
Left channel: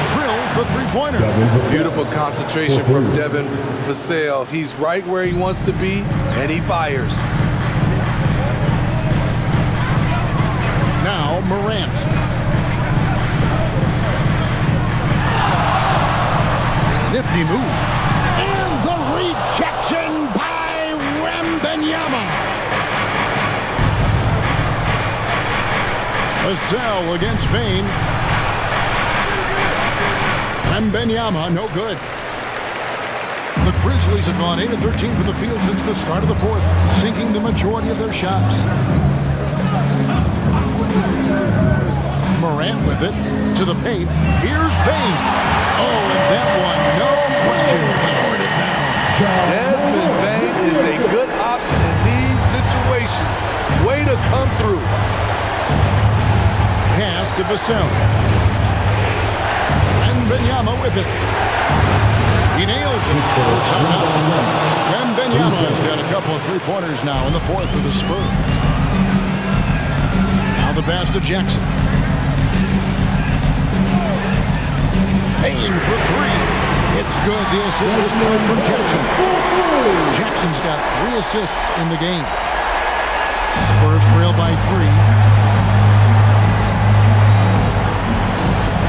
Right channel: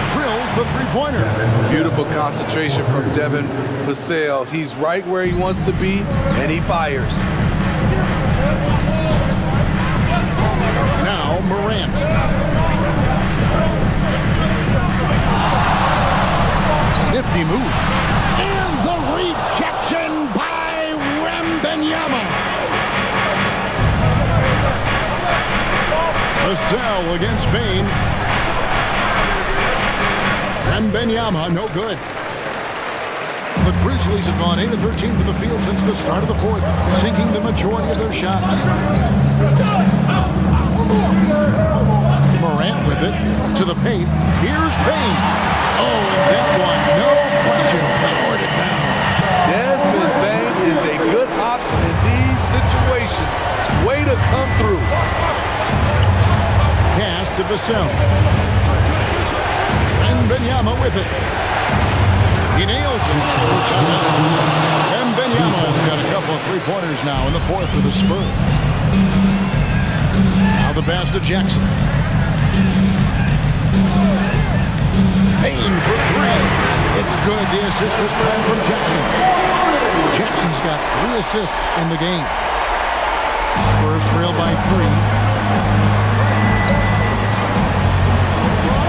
Drills the three-pointer. Beautiful concentration from Devin Vassell. He's right where he wants to be, and he fires. Now Morant. Nifty move. And the rejection by Wembanyama. Vassell against Bain. Wembanyama, no good. The Grizzlies have gone 8 of 13 from the field since the start of the fourth, sinking the majority of their shots. Morant with it to the paint. Here's Bain. Oh, and that one, no question, powered it down. Desmond Bain is a good option in these situations. Way to come through. Pass to Vassell. Wembanyama with it. He nails it. We're tied up. Wembanyama's got a couple of three-pointers now in the fourth for the Spurs. Now the pass to Jackson. Payne for three. It's good. The assist this time from Jackson. Jackson's got 3 assists in the game. Spurs trail by 3.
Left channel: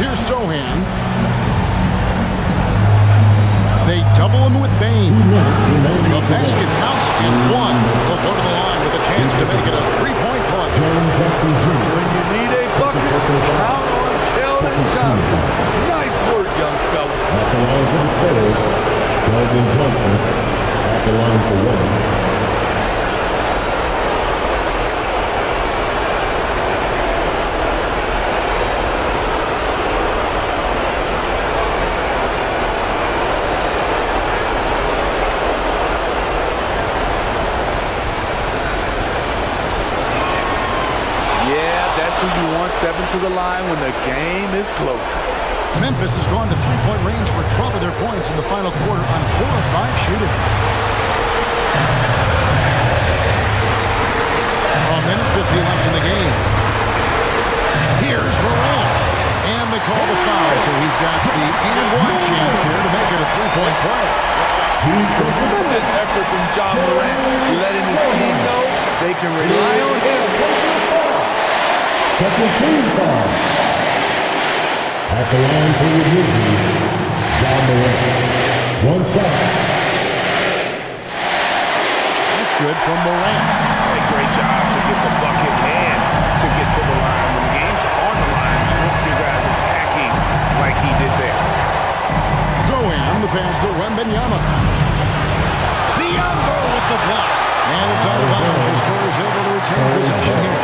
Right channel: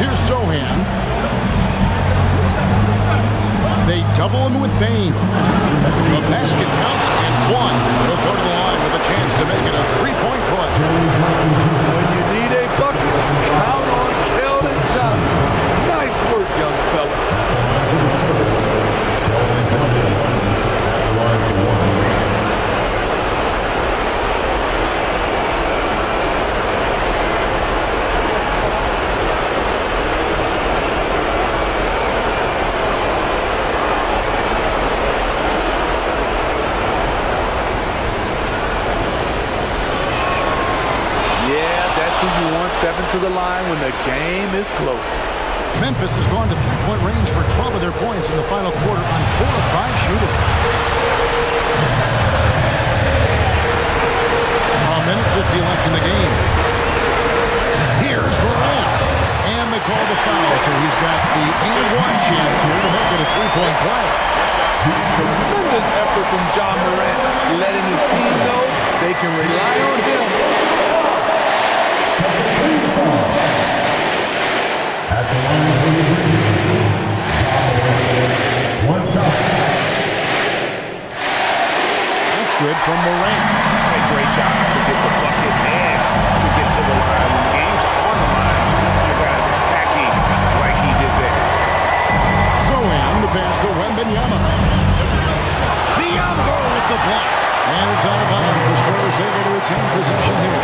Here's Sohan. They double him with Bain. The basket counts and 1. He'll go to the line with a chance to make it a 3-point play. When you need a bucket, count on Keldon Johnson. Nice work, young fella. At the line for the Spurs, Keldon Johnson. At the line for 1. That's who you want stepping to the line when the game is close. Memphis has gone to three-point range for 12 of their points in the final quarter on 4 of 5 shooting. A minute 50 left in the game. Here's Morant. And they call the foul, so he's got the and-one chance here to make it a 3-point play. Tremendous effort from John Morant, letting his team know they can rely on him. Second team foul. At the line for the Grizzlies, John Morant. 1 shot. That's good from Morant. A great job to get the bucket and to get to the line. When the game's on the line, you want your guys attacking like he did there. Zohan, the pass to Wembanyama. Biombo with the block. And it's out of bounds. The Spurs able to retain possession here.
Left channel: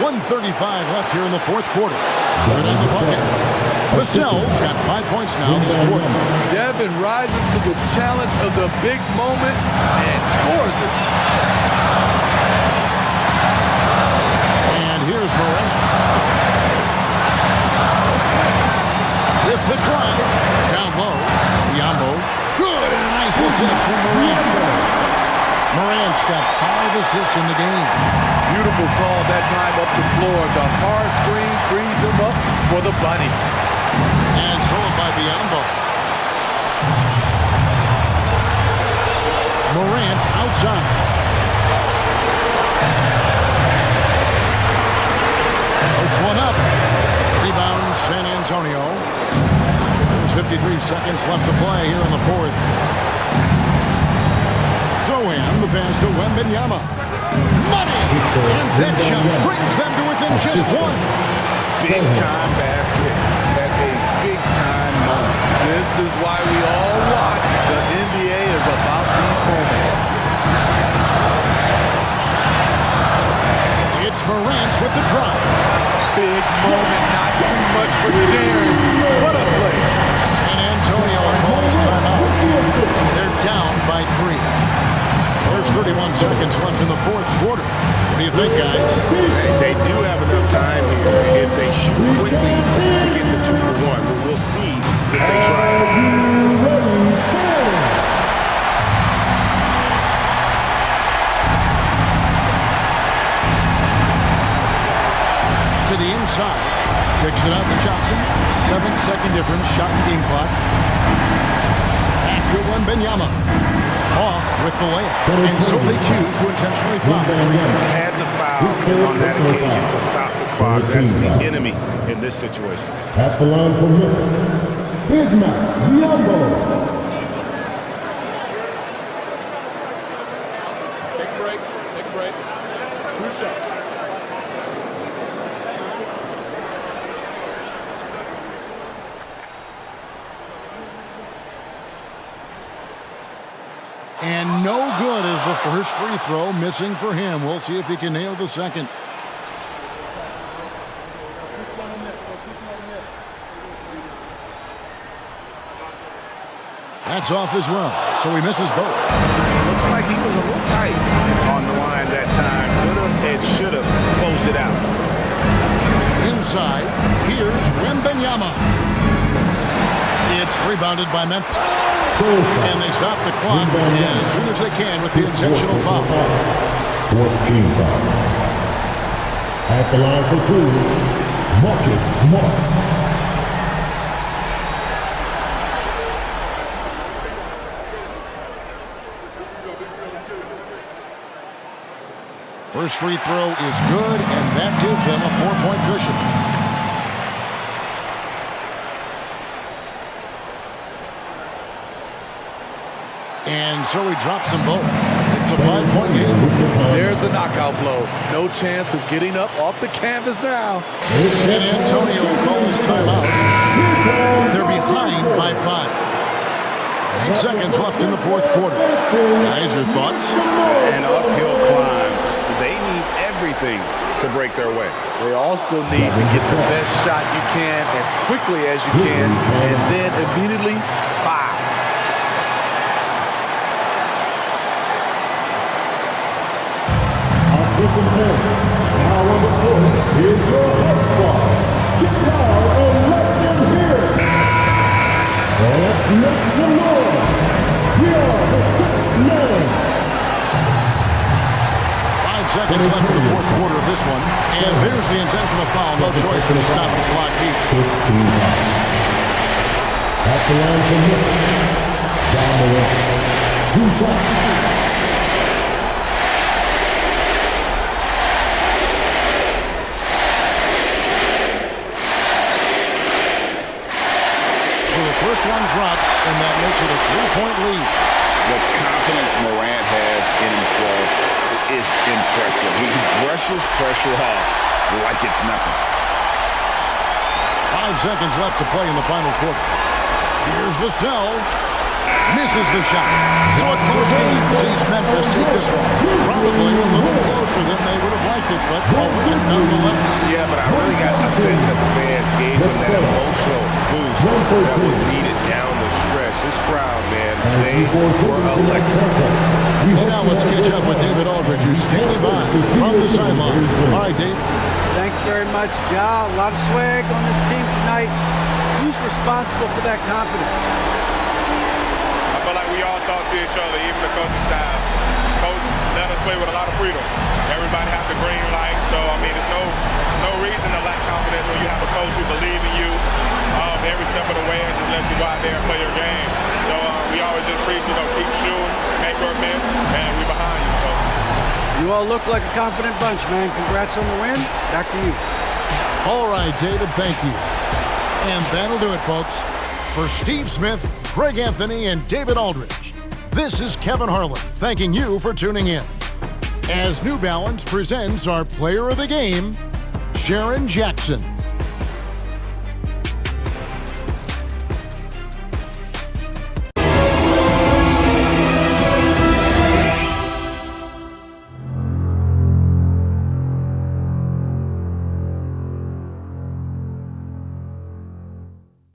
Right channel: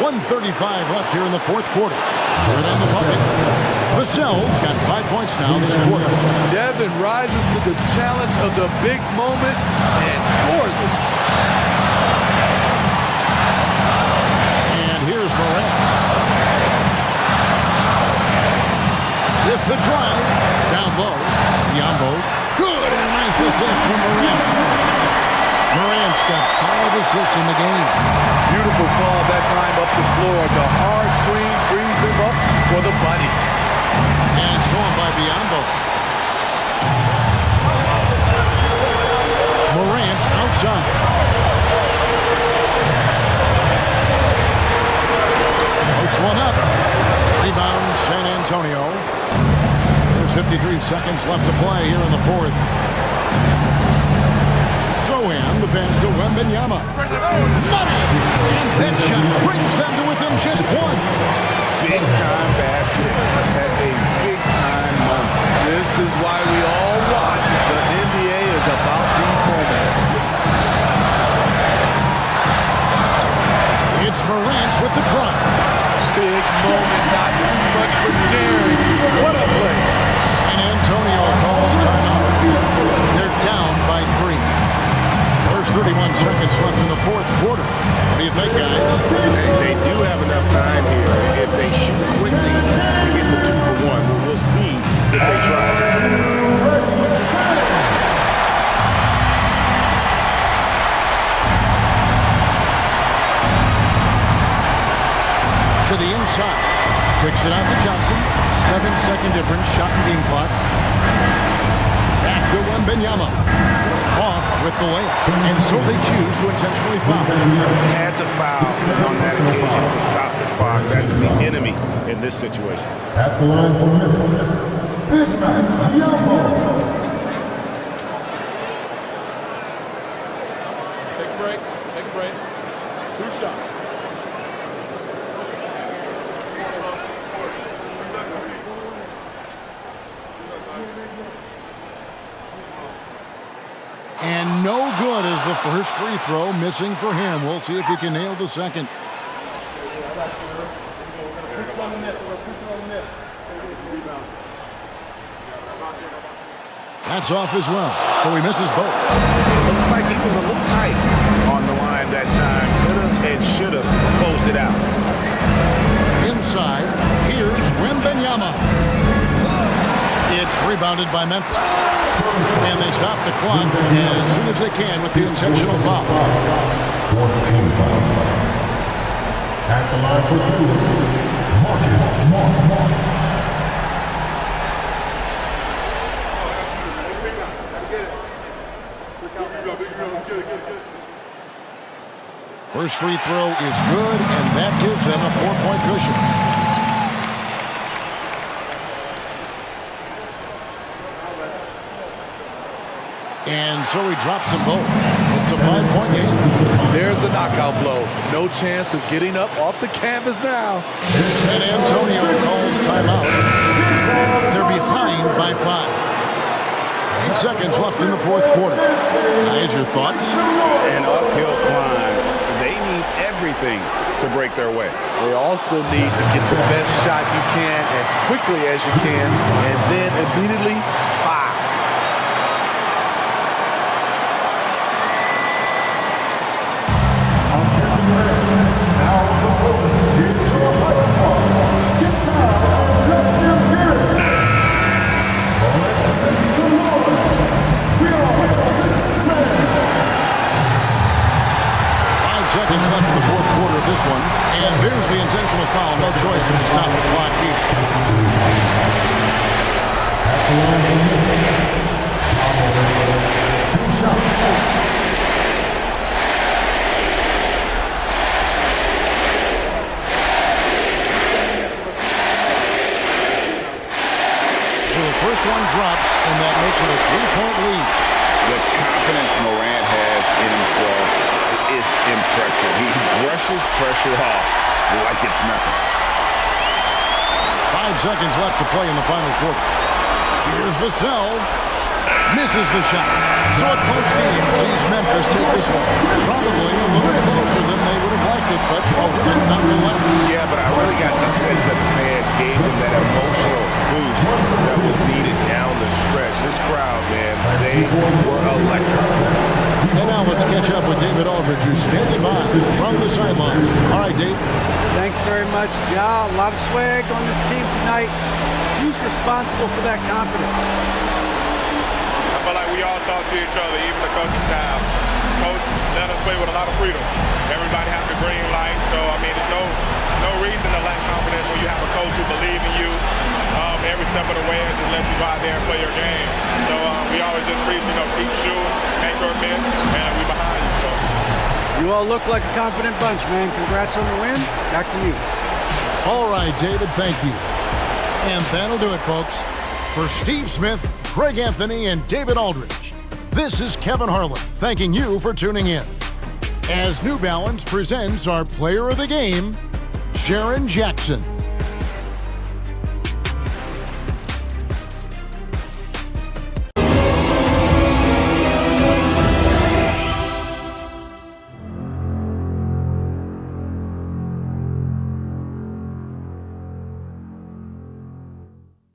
.135 left here in the fourth quarter. Good on the bucket. Vassell's got 5 points now this quarter. Devin rises to the challenge of the big moment and scores it. And here's Morant. With the drive. Down low. Biombo. Good, and a nice assist from Morant. Morant's got 5 assists in the game. Beautiful call that time up the floor. The hard screen frees him up for the bunny. And stolen by Biombo. Morant outside. Floats one up. Rebound San Antonio. There's 53 seconds left to play here in the fourth. Zohan, the pass to Wembanyama. Money! And that shot brings them to within just 1. Big-time basket at a big-time moment. This is why we all watch. The NBA is about these moments. It's Morant with the drive. Big moment, not too much for Jaren. What a play. San Antonio calls timeout. They're down by 3. There's 31 seconds left in the fourth quarter. do you think, guys? They do have enough time here. If they shoot quickly to get the 2 for 1, we'll see if they try. To the inside. Kicks it out to Johnson. 7-second difference. Shot and game clock. Back to Wembanyama. Off with the layup. And so they choose to intentionally foul. Had to foul on that occasion to stop the clock. That's the enemy in this situation. At the line for Memphis, Bismack Biyombo. Take a break. Take a break. 2 shots. And no good as the first free throw, missing for him. We'll see if he can nail the second. That's off as well, so he misses both. It looks like he was a little tight on the line that time. Could have and should have closed it out. Inside, here's Wembanyama. It's rebounded by Memphis. And they stop the clock as soon as they can with the intentional foul. 14 foul. At the line for 2, Marcus Smart. First free throw is good, and that gives them a 4-point cushion. And so he drops them both. It's a 5-point game. There's the knockout blow. No chance of getting up off the canvas now. San Antonio calls timeout. They're behind by 5. 8 seconds left in the fourth quarter. Guys, your thoughts? An uphill climb. They need everything to break their way. They also need to get the best shot you can as quickly as you can, and then immediately foul. Now on the court, here's your hype squad. Get down and let them hear it. Well, let's make some noise. We are the 6th man. 5 seconds left in the fourth quarter of this one. And there's the intentional foul. No choice but to stop the clock here. 15 foul. At the line for Memphis, 2 shots. So the first one drops, and that makes it a 3-point lead. The confidence Morant has in himself is impressive. He brushes pressure off like it's nothing. 5 seconds left to play in the final quarter. Here's Vassell. Misses the shot. So a close game sees Memphis take this one. Probably a little closer than they would have liked it, but a win nonetheless. Yeah, but I really got a sense that the fans gave them that emotional boost that was needed down the stretch. This crowd, man, they were electric. And now let's catch up with David Aldridge, who's standing by from the sideline. All right, Dave. Thanks very much, Ja. A lot of swag on this team tonight. Who's responsible for that confidence? I feel like we all talk to each other, even the coaching staff. Coach let us play with a lot of freedom. Everybody has the green light, so I mean, there's no reason to lack confidence when you have a coach who believes in you every step of the way and just let you go out there and play your game. So we always just preach, keep shooting, make or miss, and we behind you. So you all look like a confident bunch, man. Congrats on the win. Back to you. All right, David, thank you. And that'll do it, folks. For Steve Smith, Greg Anthony, and David Aldridge, this is Kevin Harlan thanking you for tuning in. As New Balance presents our player of the game, Sharon Jackson.